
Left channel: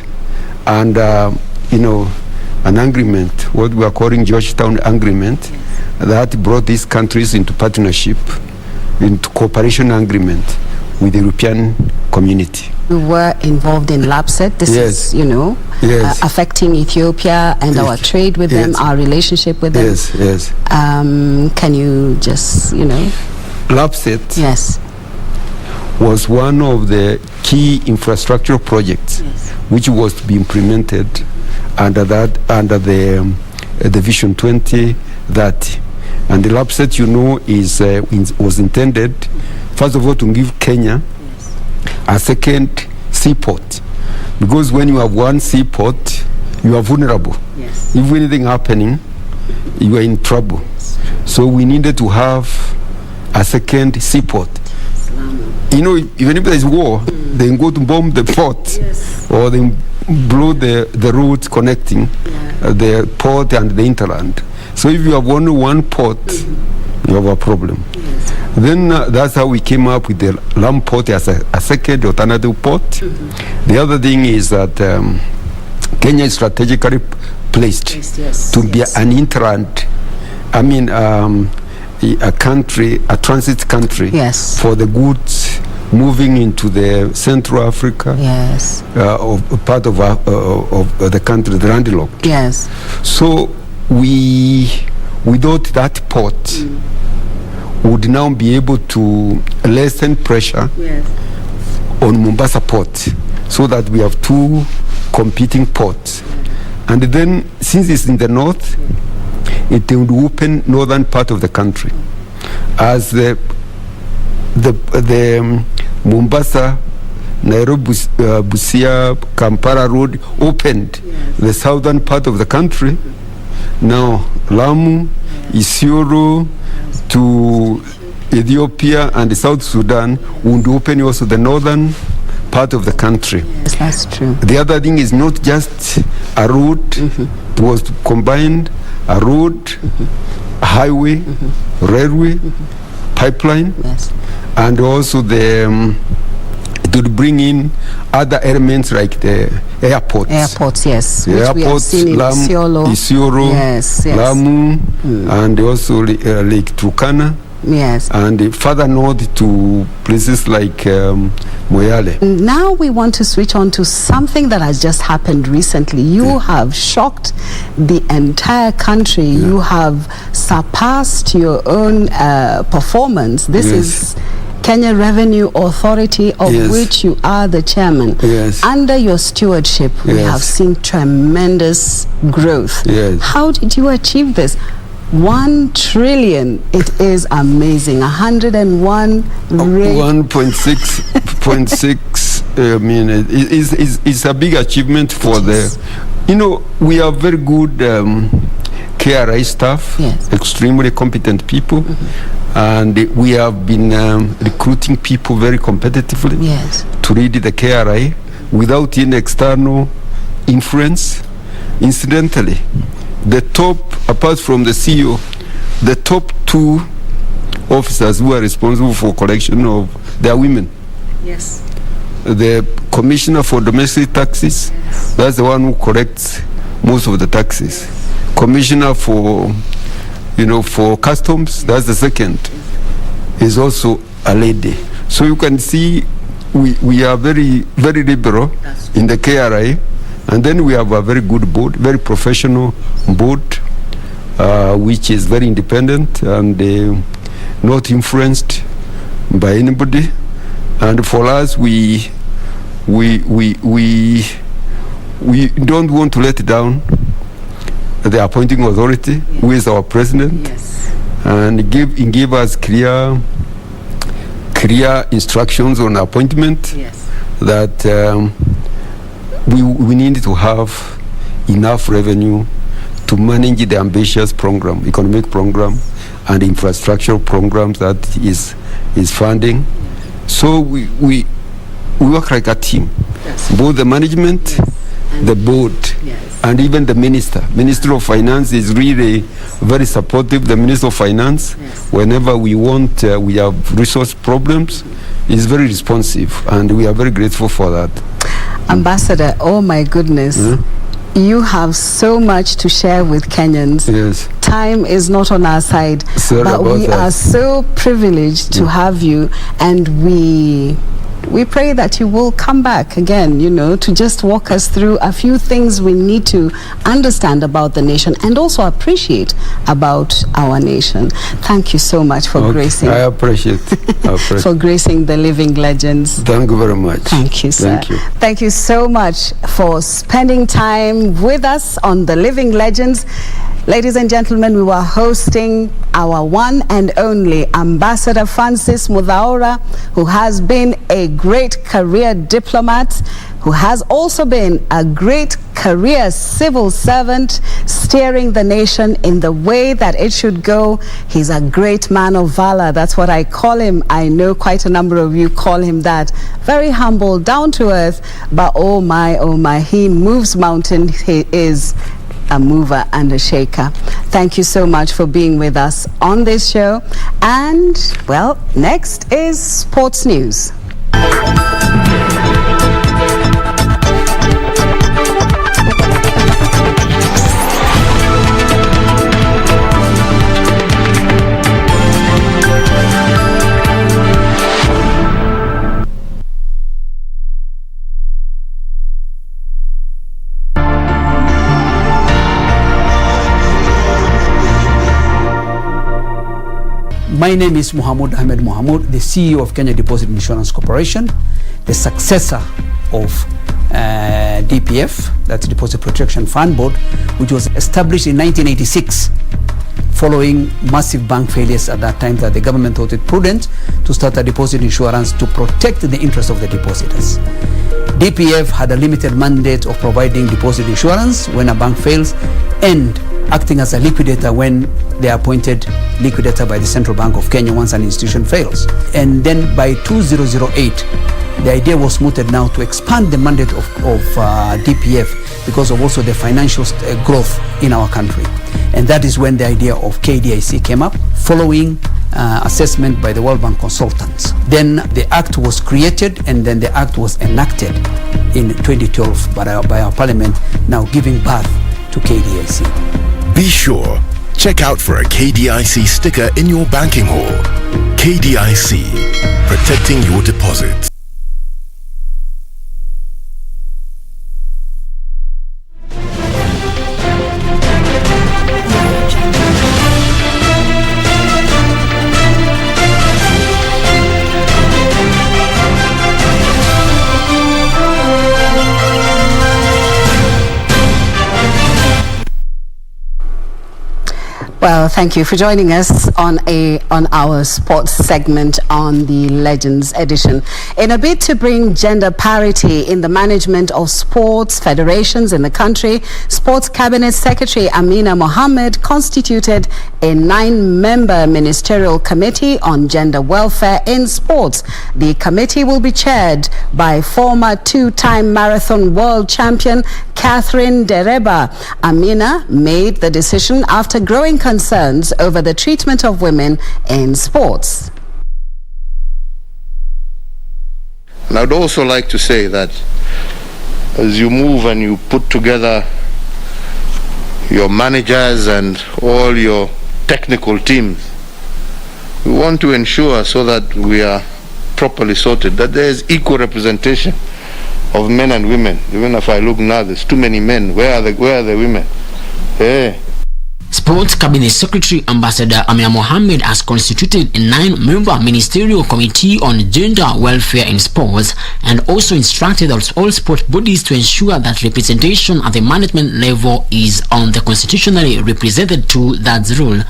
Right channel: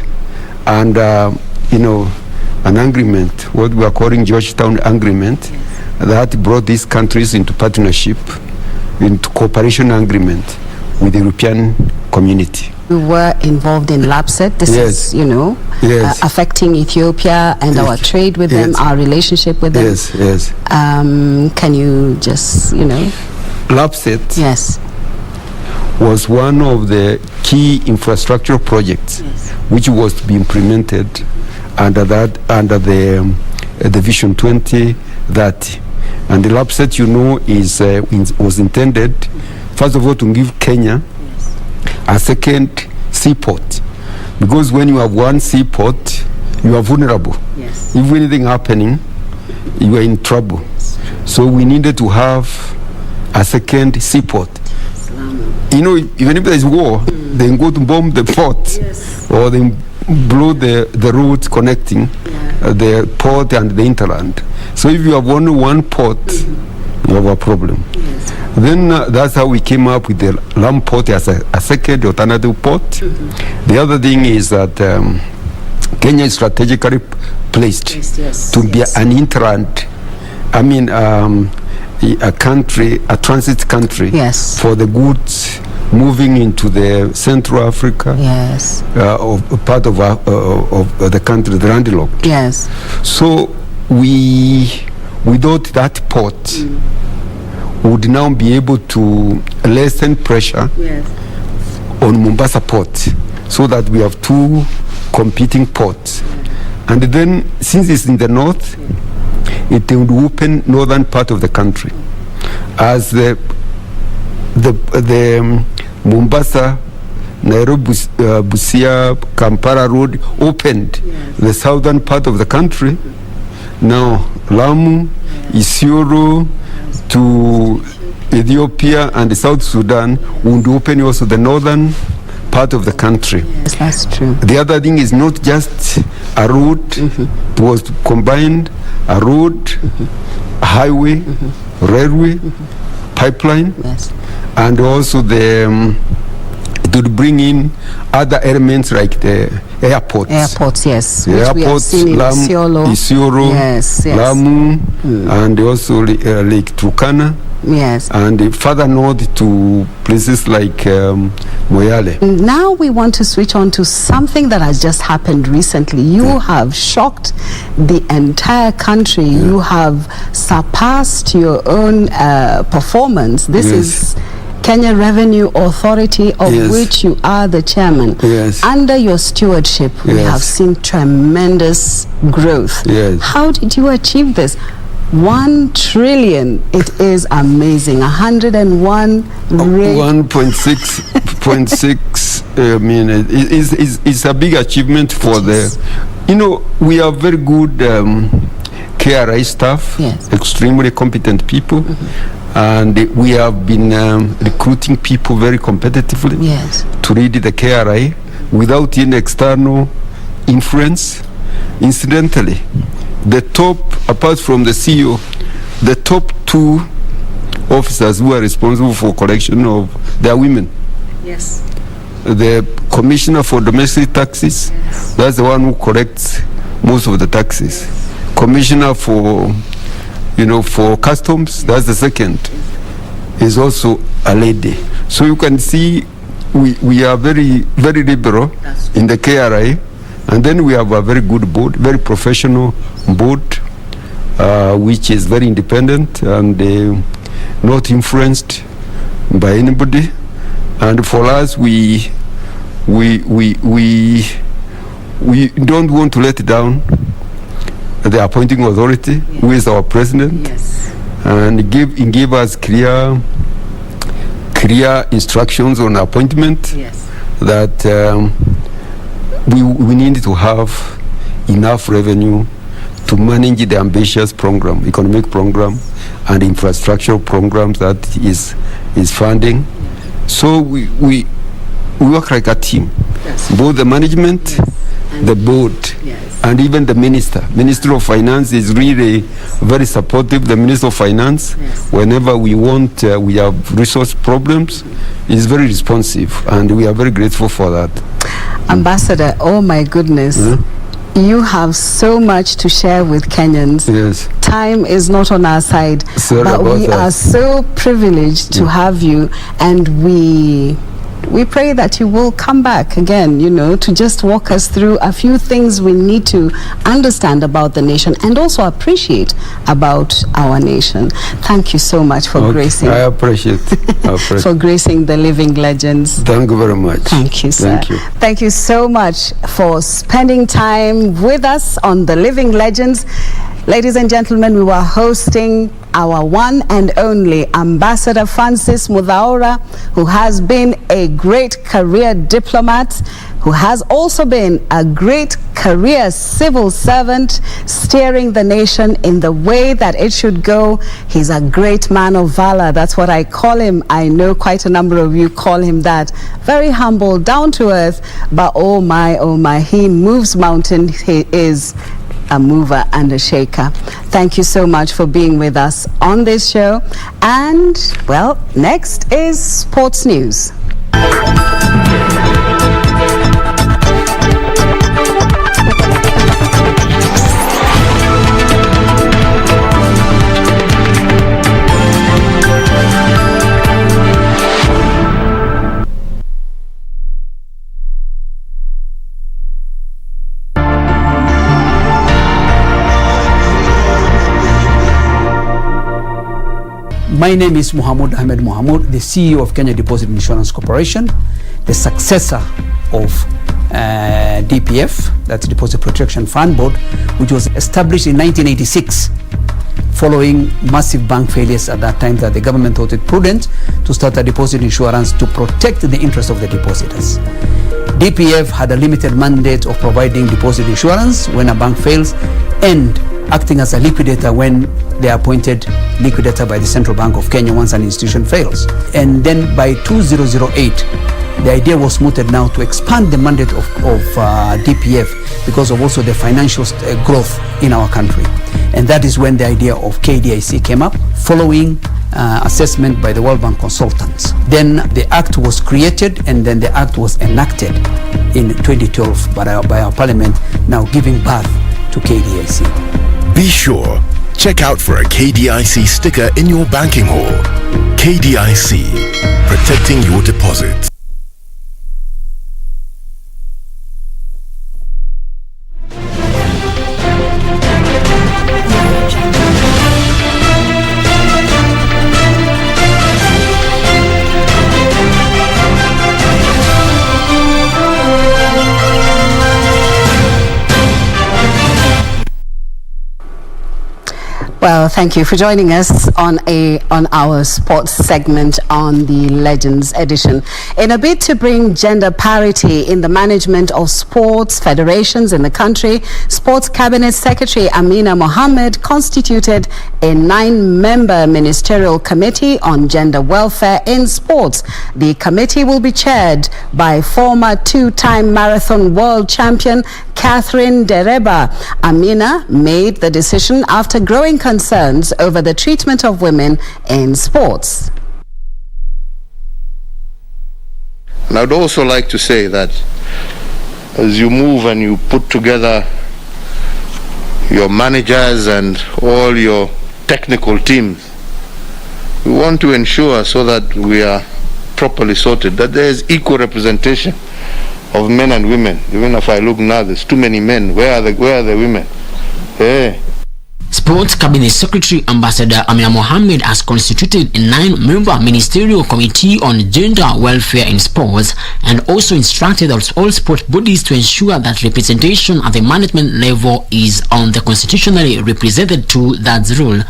and an agreement, what we are calling Georgetown Agreement, that brought these countries into partnership, into cooperation agreement with the European community. We were involved in LAPSET. This is, affecting Ethiopia and our trade with them, our relationship with them. Yes. Can you just, LAPSET was one of the key infrastructure projects which was to be implemented under the Vision 2030. And the LAPSET, was intended, first of all, to give Kenya a second seaport. Because when you have one seaport, you are vulnerable. If anything happening, you are in trouble. So we needed to have a second seaport. Even if there is war, they go to bomb the port, or they blow the roads connecting the port and the hinterland. So if you have only one port, you have a problem. Then that's how we came up with the Lamu port as a second alternative port. The other thing is that Kenya is strategically placed to be an intrant, a country, a transit country for the goods moving into the Central Africa, part of the country, the landlocked. So we thought that port would now be able to lessen pressure on Mombasa port, so that we have two competing ports. And then, since it's in the north, it would open northern part of the country. As the Mombasa, Nairobi, Busia, Kampala road opened the southern part of the country, now Lamu, Isiolo to Ethiopia and South Sudan would open also the northern part of the country. Yes, that's true. The other thing is not just a road, it was combined a road, a highway, railway, pipeline, and also it would bring in other elements like the airports. Airports, yes. The which airports, we have seen in Isiolo, Lamu, and also Lake Turkana. Yes. And further north to places like Moyale. Now we want to switch on to something that has just happened recently. You have shocked the entire country. You have surpassed your own performance. This is Kenya Revenue Authority, of which you are the chairman. Under your stewardship, we have seen tremendous growth. How did you achieve this? 1 trillion, it is amazing. 101 1.6 I mean, it's a big achievement for we have very good KRI staff, extremely competent people, and we have been recruiting people very competitively to lead the KRI without any external influence. Incidentally, the top, apart from the CEO, the top 2 officers who are responsible for collection of their women. The Commissioner for Domestic Taxes, that's the one who collects most of the taxes. Commissioner for Customs, that's the second, is also a lady. So you can see we are very, very liberal in the KRI. And then we have a very good board, very professional board, which is very independent and not influenced by anybody. And for us, we don't want to let down the appointing authority, who is our president, and give us clear instructions on appointment that. We need to have enough revenue to manage the ambitious program, economic program, and infrastructural programs that is funding. So we work like a team. Both the management, the board, and even the minister. Minister of Finance is really very supportive. The Minister of Finance, whenever we have resource problems, is very responsive, and we are very grateful for that. Ambassador, oh my goodness, you have so much to share with Kenyans. Time is not on our side, but we are so privileged to have you, and we pray that you will come back again, to just walk us through a few things we need to understand about the nation and also appreciate about our nation. Thank you so much for gracing. I appreciate for gracing the Living Legends. Thank you very much. Thank you, sir. Thank you. Thank you so much for spending time with us on the Living Legends. Ladies and gentlemen, we were hosting our one and only Ambassador Francis Muthaura, who has been a great career diplomat, who has also been a great career civil servant, steering the nation in the way that it should go. He's a great man of valor. That's what I call him. I know quite a number of you call him that. Very humble, down to earth, but oh my, he moves mountains. He is a mover and a shaker. Thank you so much for being with us on this show. And, well, next is sports news. My name is Mohamud Ahmed Mohamud, the CEO of Kenya Deposit Insurance Corporation, the successor of DPF, that's Deposit Protection Fund Board, which was established in 1986 following massive bank failures at that time, that the government thought it prudent to start a deposit insurance to protect the interest of the depositors. DPF had a limited mandate of providing deposit insurance when a bank fails and acting as a liquidator when they are appointed liquidator by the Central Bank of Kenya once an institution fails. And then by 2008, the idea was mooted now to expand the mandate of DPF because of also the financial growth in our country. And that is when the idea of KDIC came up, following assessment by the World Bank consultants. Then the act was created, and then the act was enacted in 2012 by our parliament, now giving birth to KDIC. Be sure, check out for a KDIC sticker in your banking hall. KDIC, protecting your deposits. Well, thank you for joining us on our sports segment on the Legends edition. In a bid to bring gender parity in the management of sports federations in the country, Sports Cabinet Secretary Amina Mohammed constituted a 9-member ministerial committee on gender welfare in sports. The committee will be chaired by former 2-time marathon world champion Catherine Dereba. Amina made the decision after growing concerns over the treatment of women in sports. And I'd also like to say that as you move and you put together your managers and all your technical teams, we want to ensure so that we are properly sorted, that there is equal representation of men and women. Even if I look now, there's too many men. Where are the women? Hey. Sports Cabinet Secretary Ambassador Amina Mohammed has constituted a 9-member ministerial committee on gender welfare in sports and also instructed all sport bodies to ensure that representation at the management level is on the constitutionally represented to that rule.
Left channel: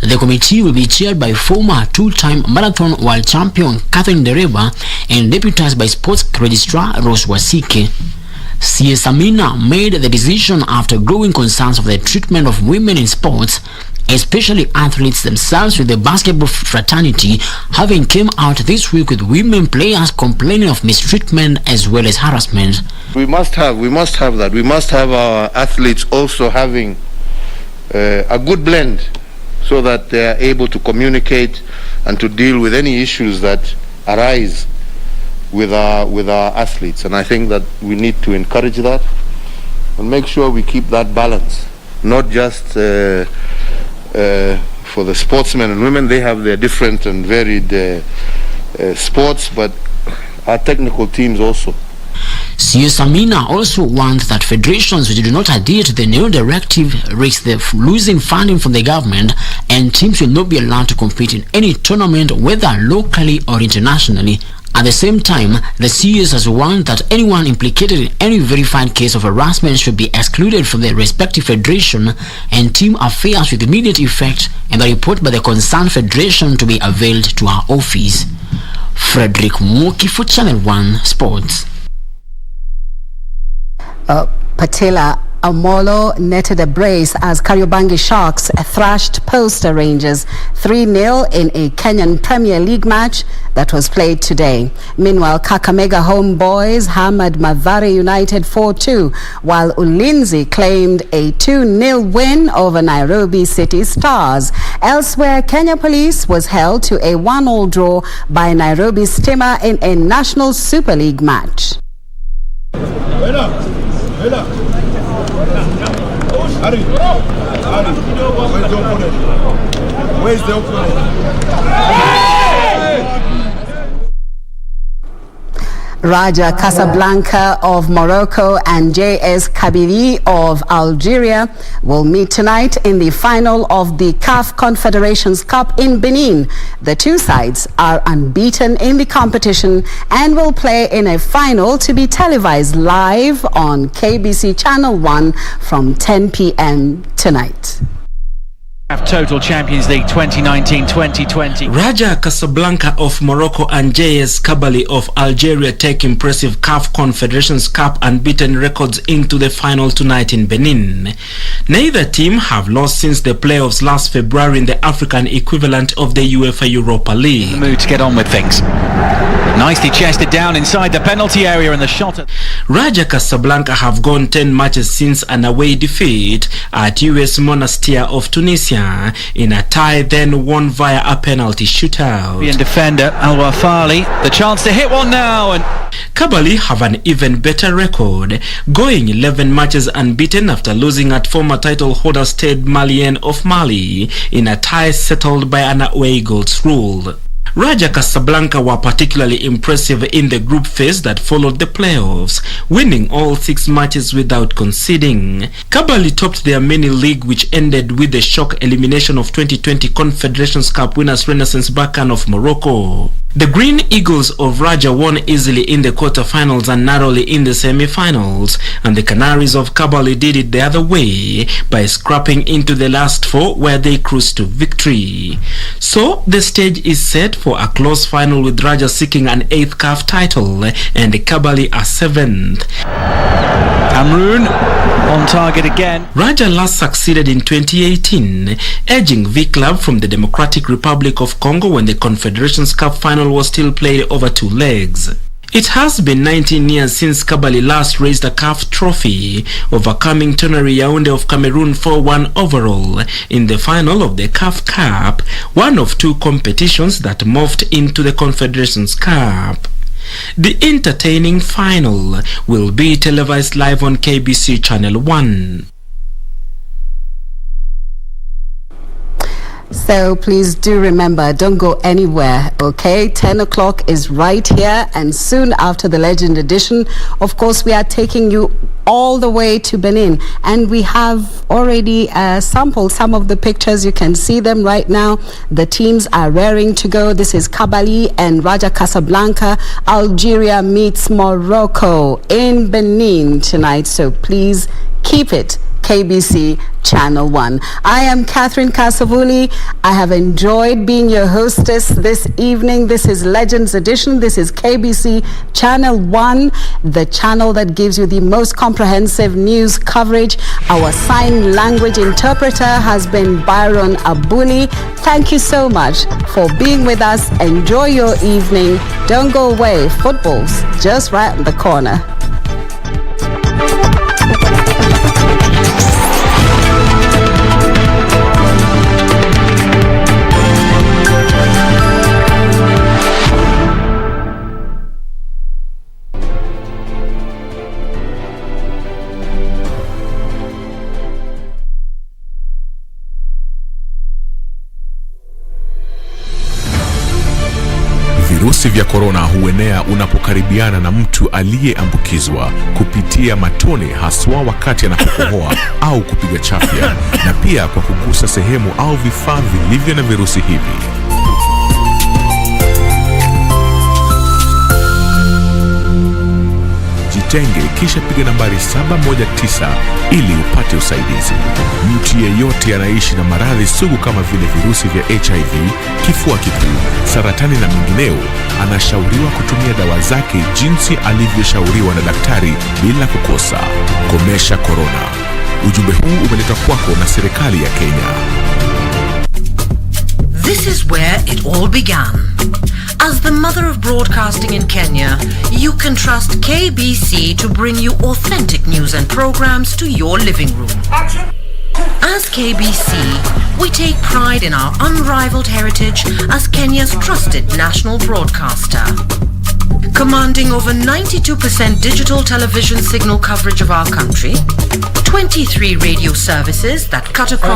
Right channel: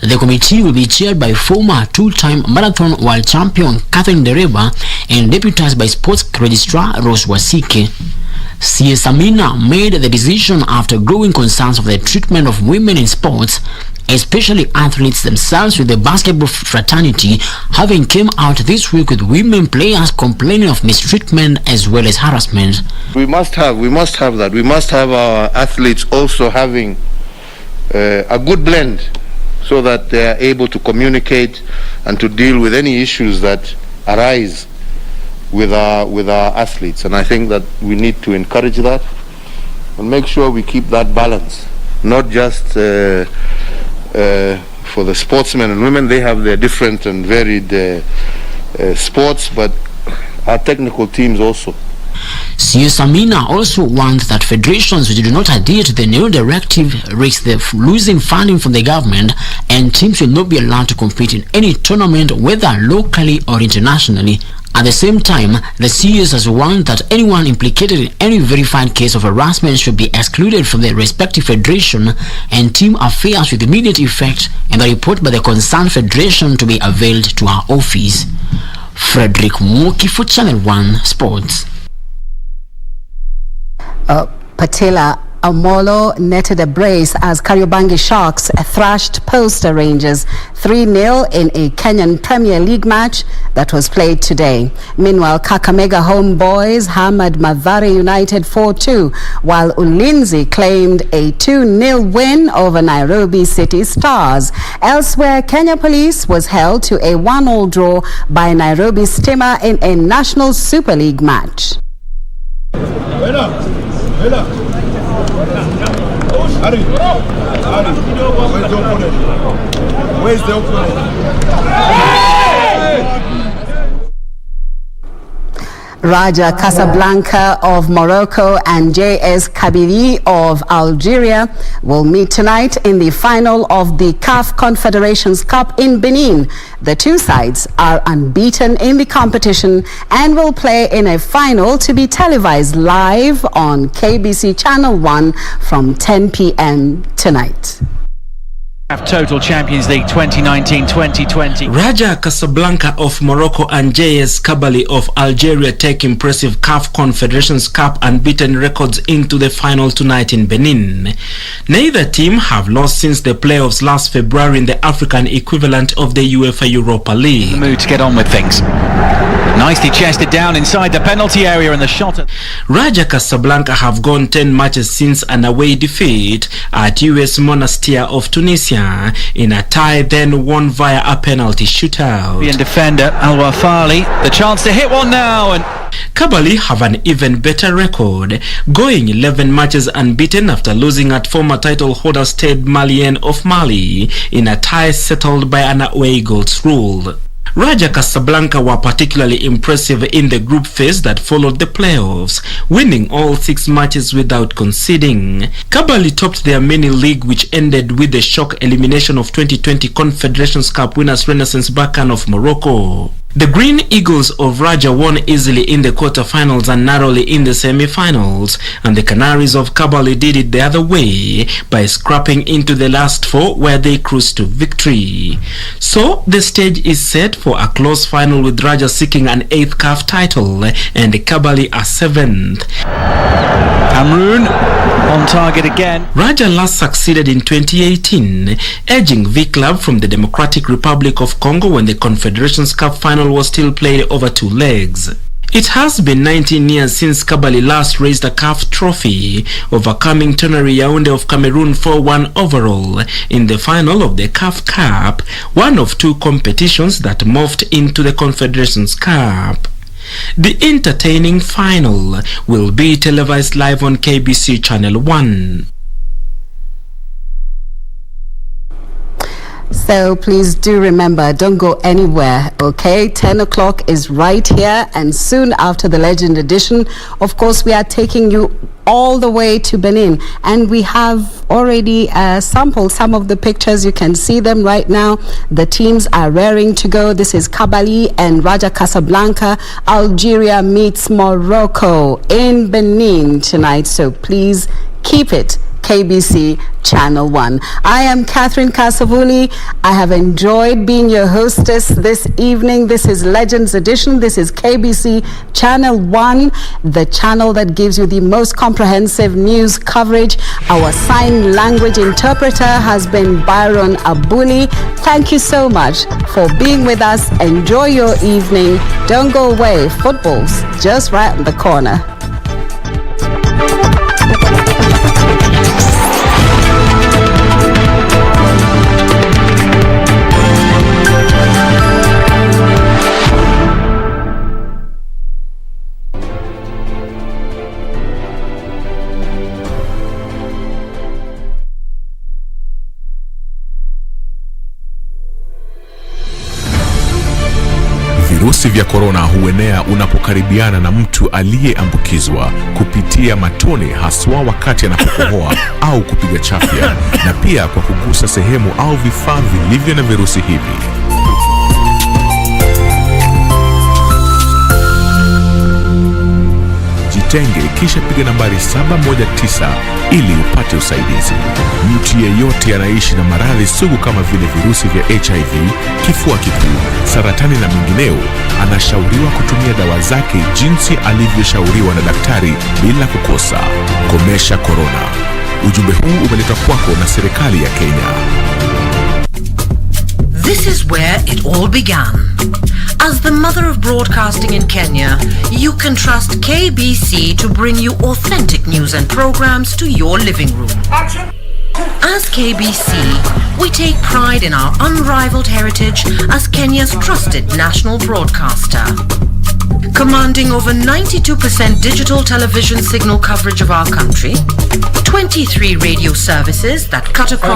The committee will be chaired by former 2-time marathon world champion Catherine Dereba and deputized by sports registrar Rose Wasike. CS Amina made the decision after growing concerns of the treatment of women in sports, especially athletes themselves, with the basketball fraternity having came out this week with women players complaining of mistreatment as well as harassment. We must have that. We must have our athletes also having a good blend so that they are able to communicate and to deal with any issues that arise with our athletes. And I think that we need to encourage that and make sure we keep that balance, not just for the sportsmen and women. They have their different and varied sports, but our technical teams also. CS Amina also wants that federations which do not adhere to the new directive risk losing funding from the government, and teams will not be allowed to compete in any tournament, whether locally or internationally. At the same time, the CS has warned that anyone implicated in any verified case of harassment should be excluded from the respective federation and team affairs with immediate effect, and the report by the concerned federation to be availed to her office. Frederick Mwoki for Channel 1 Sports. Patela, Omolo netted a brace as Kariobangi Sharks thrashed Posta Rangers 3-0 in a Kenyan Premier League match that was played today. Meanwhile, Kakamega Homeboys hammered Mathare United 4-2, while Ulinzi claimed a 2-0 win over Nairobi City Stars. Elsewhere, Kenya Police was held to a 1-1 draw by Nairobi Stima in a National Super League match. Where's the opponent? Raja Casablanca of Morocco and JS Kabylie of Algeria will meet tonight in the final of the CAF Confederations Cup in Benin. The two sides are unbeaten in the competition and will play in a final to be televised live on KBC Channel 1 from 10 p.m. tonight. Total Champions League 2019-2020. Raja Casablanca of Morocco and JS Kabylie of Algeria take impressive CAF Confederations Cup unbeaten records into the final tonight in Benin. Neither team have lost since the playoffs last February in the African equivalent of the UEFA Europa League. The mood to get on with things. Nicely chested down inside the penalty area and the shot. Raja Casablanca have gone 10 matches since an away defeat at US Monastir of Tunisia in a tie then won via a penalty shootout. And defender Al-Wafali, the chance to hit one now, and Kabylie have an even better record, going 11 matches unbeaten after losing at former title holder Stade Malien of Mali in a tie settled by an away goals rule. Raja Casablanca were particularly impressive in the group phase that followed the playoffs, winning all 6 matches without conceding. Kabylie topped their mini league, which ended with the shock elimination of 2020 Confederations Cup winners Renaissance Berkane of Morocco. The Green Eagles of Raja won easily in the quarterfinals and narrowly in the semi-finals, and the Canaries of Kabylie did it the other way by scrapping into the last 4 where they cruised to victory. So the stage is set for a close final with Raja seeking an 8th CAF title and Kabylie a 7th. Cameroon on target again. Raja last succeeded in 2018, edging V-Club from the Democratic Republic of Congo when the Confederations Cup final was still played over 2 legs. It has been 19 years since Kabylie last raised a CAF trophy, overcoming Tonnerre Yaoundé of Cameroon 4-1 overall in the final of the CAF Cup, one of 2 competitions that morphed into the Confederations Cup. The entertaining final will be televised live on KBC Channel 1. So please do remember, don't go anywhere, okay? 10 o'clock is right here, and soon after the Legend Edition, of course, we are taking you all the way to Benin, and we have already sampled some of the pictures. You can see them right now. The teams are raring to go. This is Kabylie and Raja Casablanca. Algeria meets Morocco in Benin tonight, so please keep it KBC Channel 1. I am Catherine Kasavuli. I have enjoyed being your hostess this evening. This is Legends Edition. This is KBC Channel 1, the channel that gives you the most comprehensive news coverage. Our sign language interpreter has been Byron Abuli. Thank you so much for being with us. Enjoy your evening. Don't go away. Football's just right in the corner. Virusi vya korona huenea unapokaribiana na mtu aliyeambukizwa kupitia matone, haswa wakati anapokohoa au kupiga chafya, na pia kwa kugusa sehemu au vifaa vilivyo na virusi hivi. Jitenge kisha piga nambari 719 ili upate usaidizi. Mtu yeyote anaishi na maradhi sugu kama vile virusi vya HIV, kifua kikuu, saratani na mengineo anashauriwa kutumia dawa zake jinsi alivyoshauriwa na daktari bila kukosa. Komesha korona. Ujumbe huu umeletwa kwako na serikali ya Kenya. This is where it all began. As the mother of broadcasting in Kenya, you can trust KBC to bring you authentic news and programs to your living room. As KBC, we take pride in our unrivaled heritage as Kenya's trusted national broadcaster. Commanding over 92% digital television signal coverage of our country, 23 radio services that cut across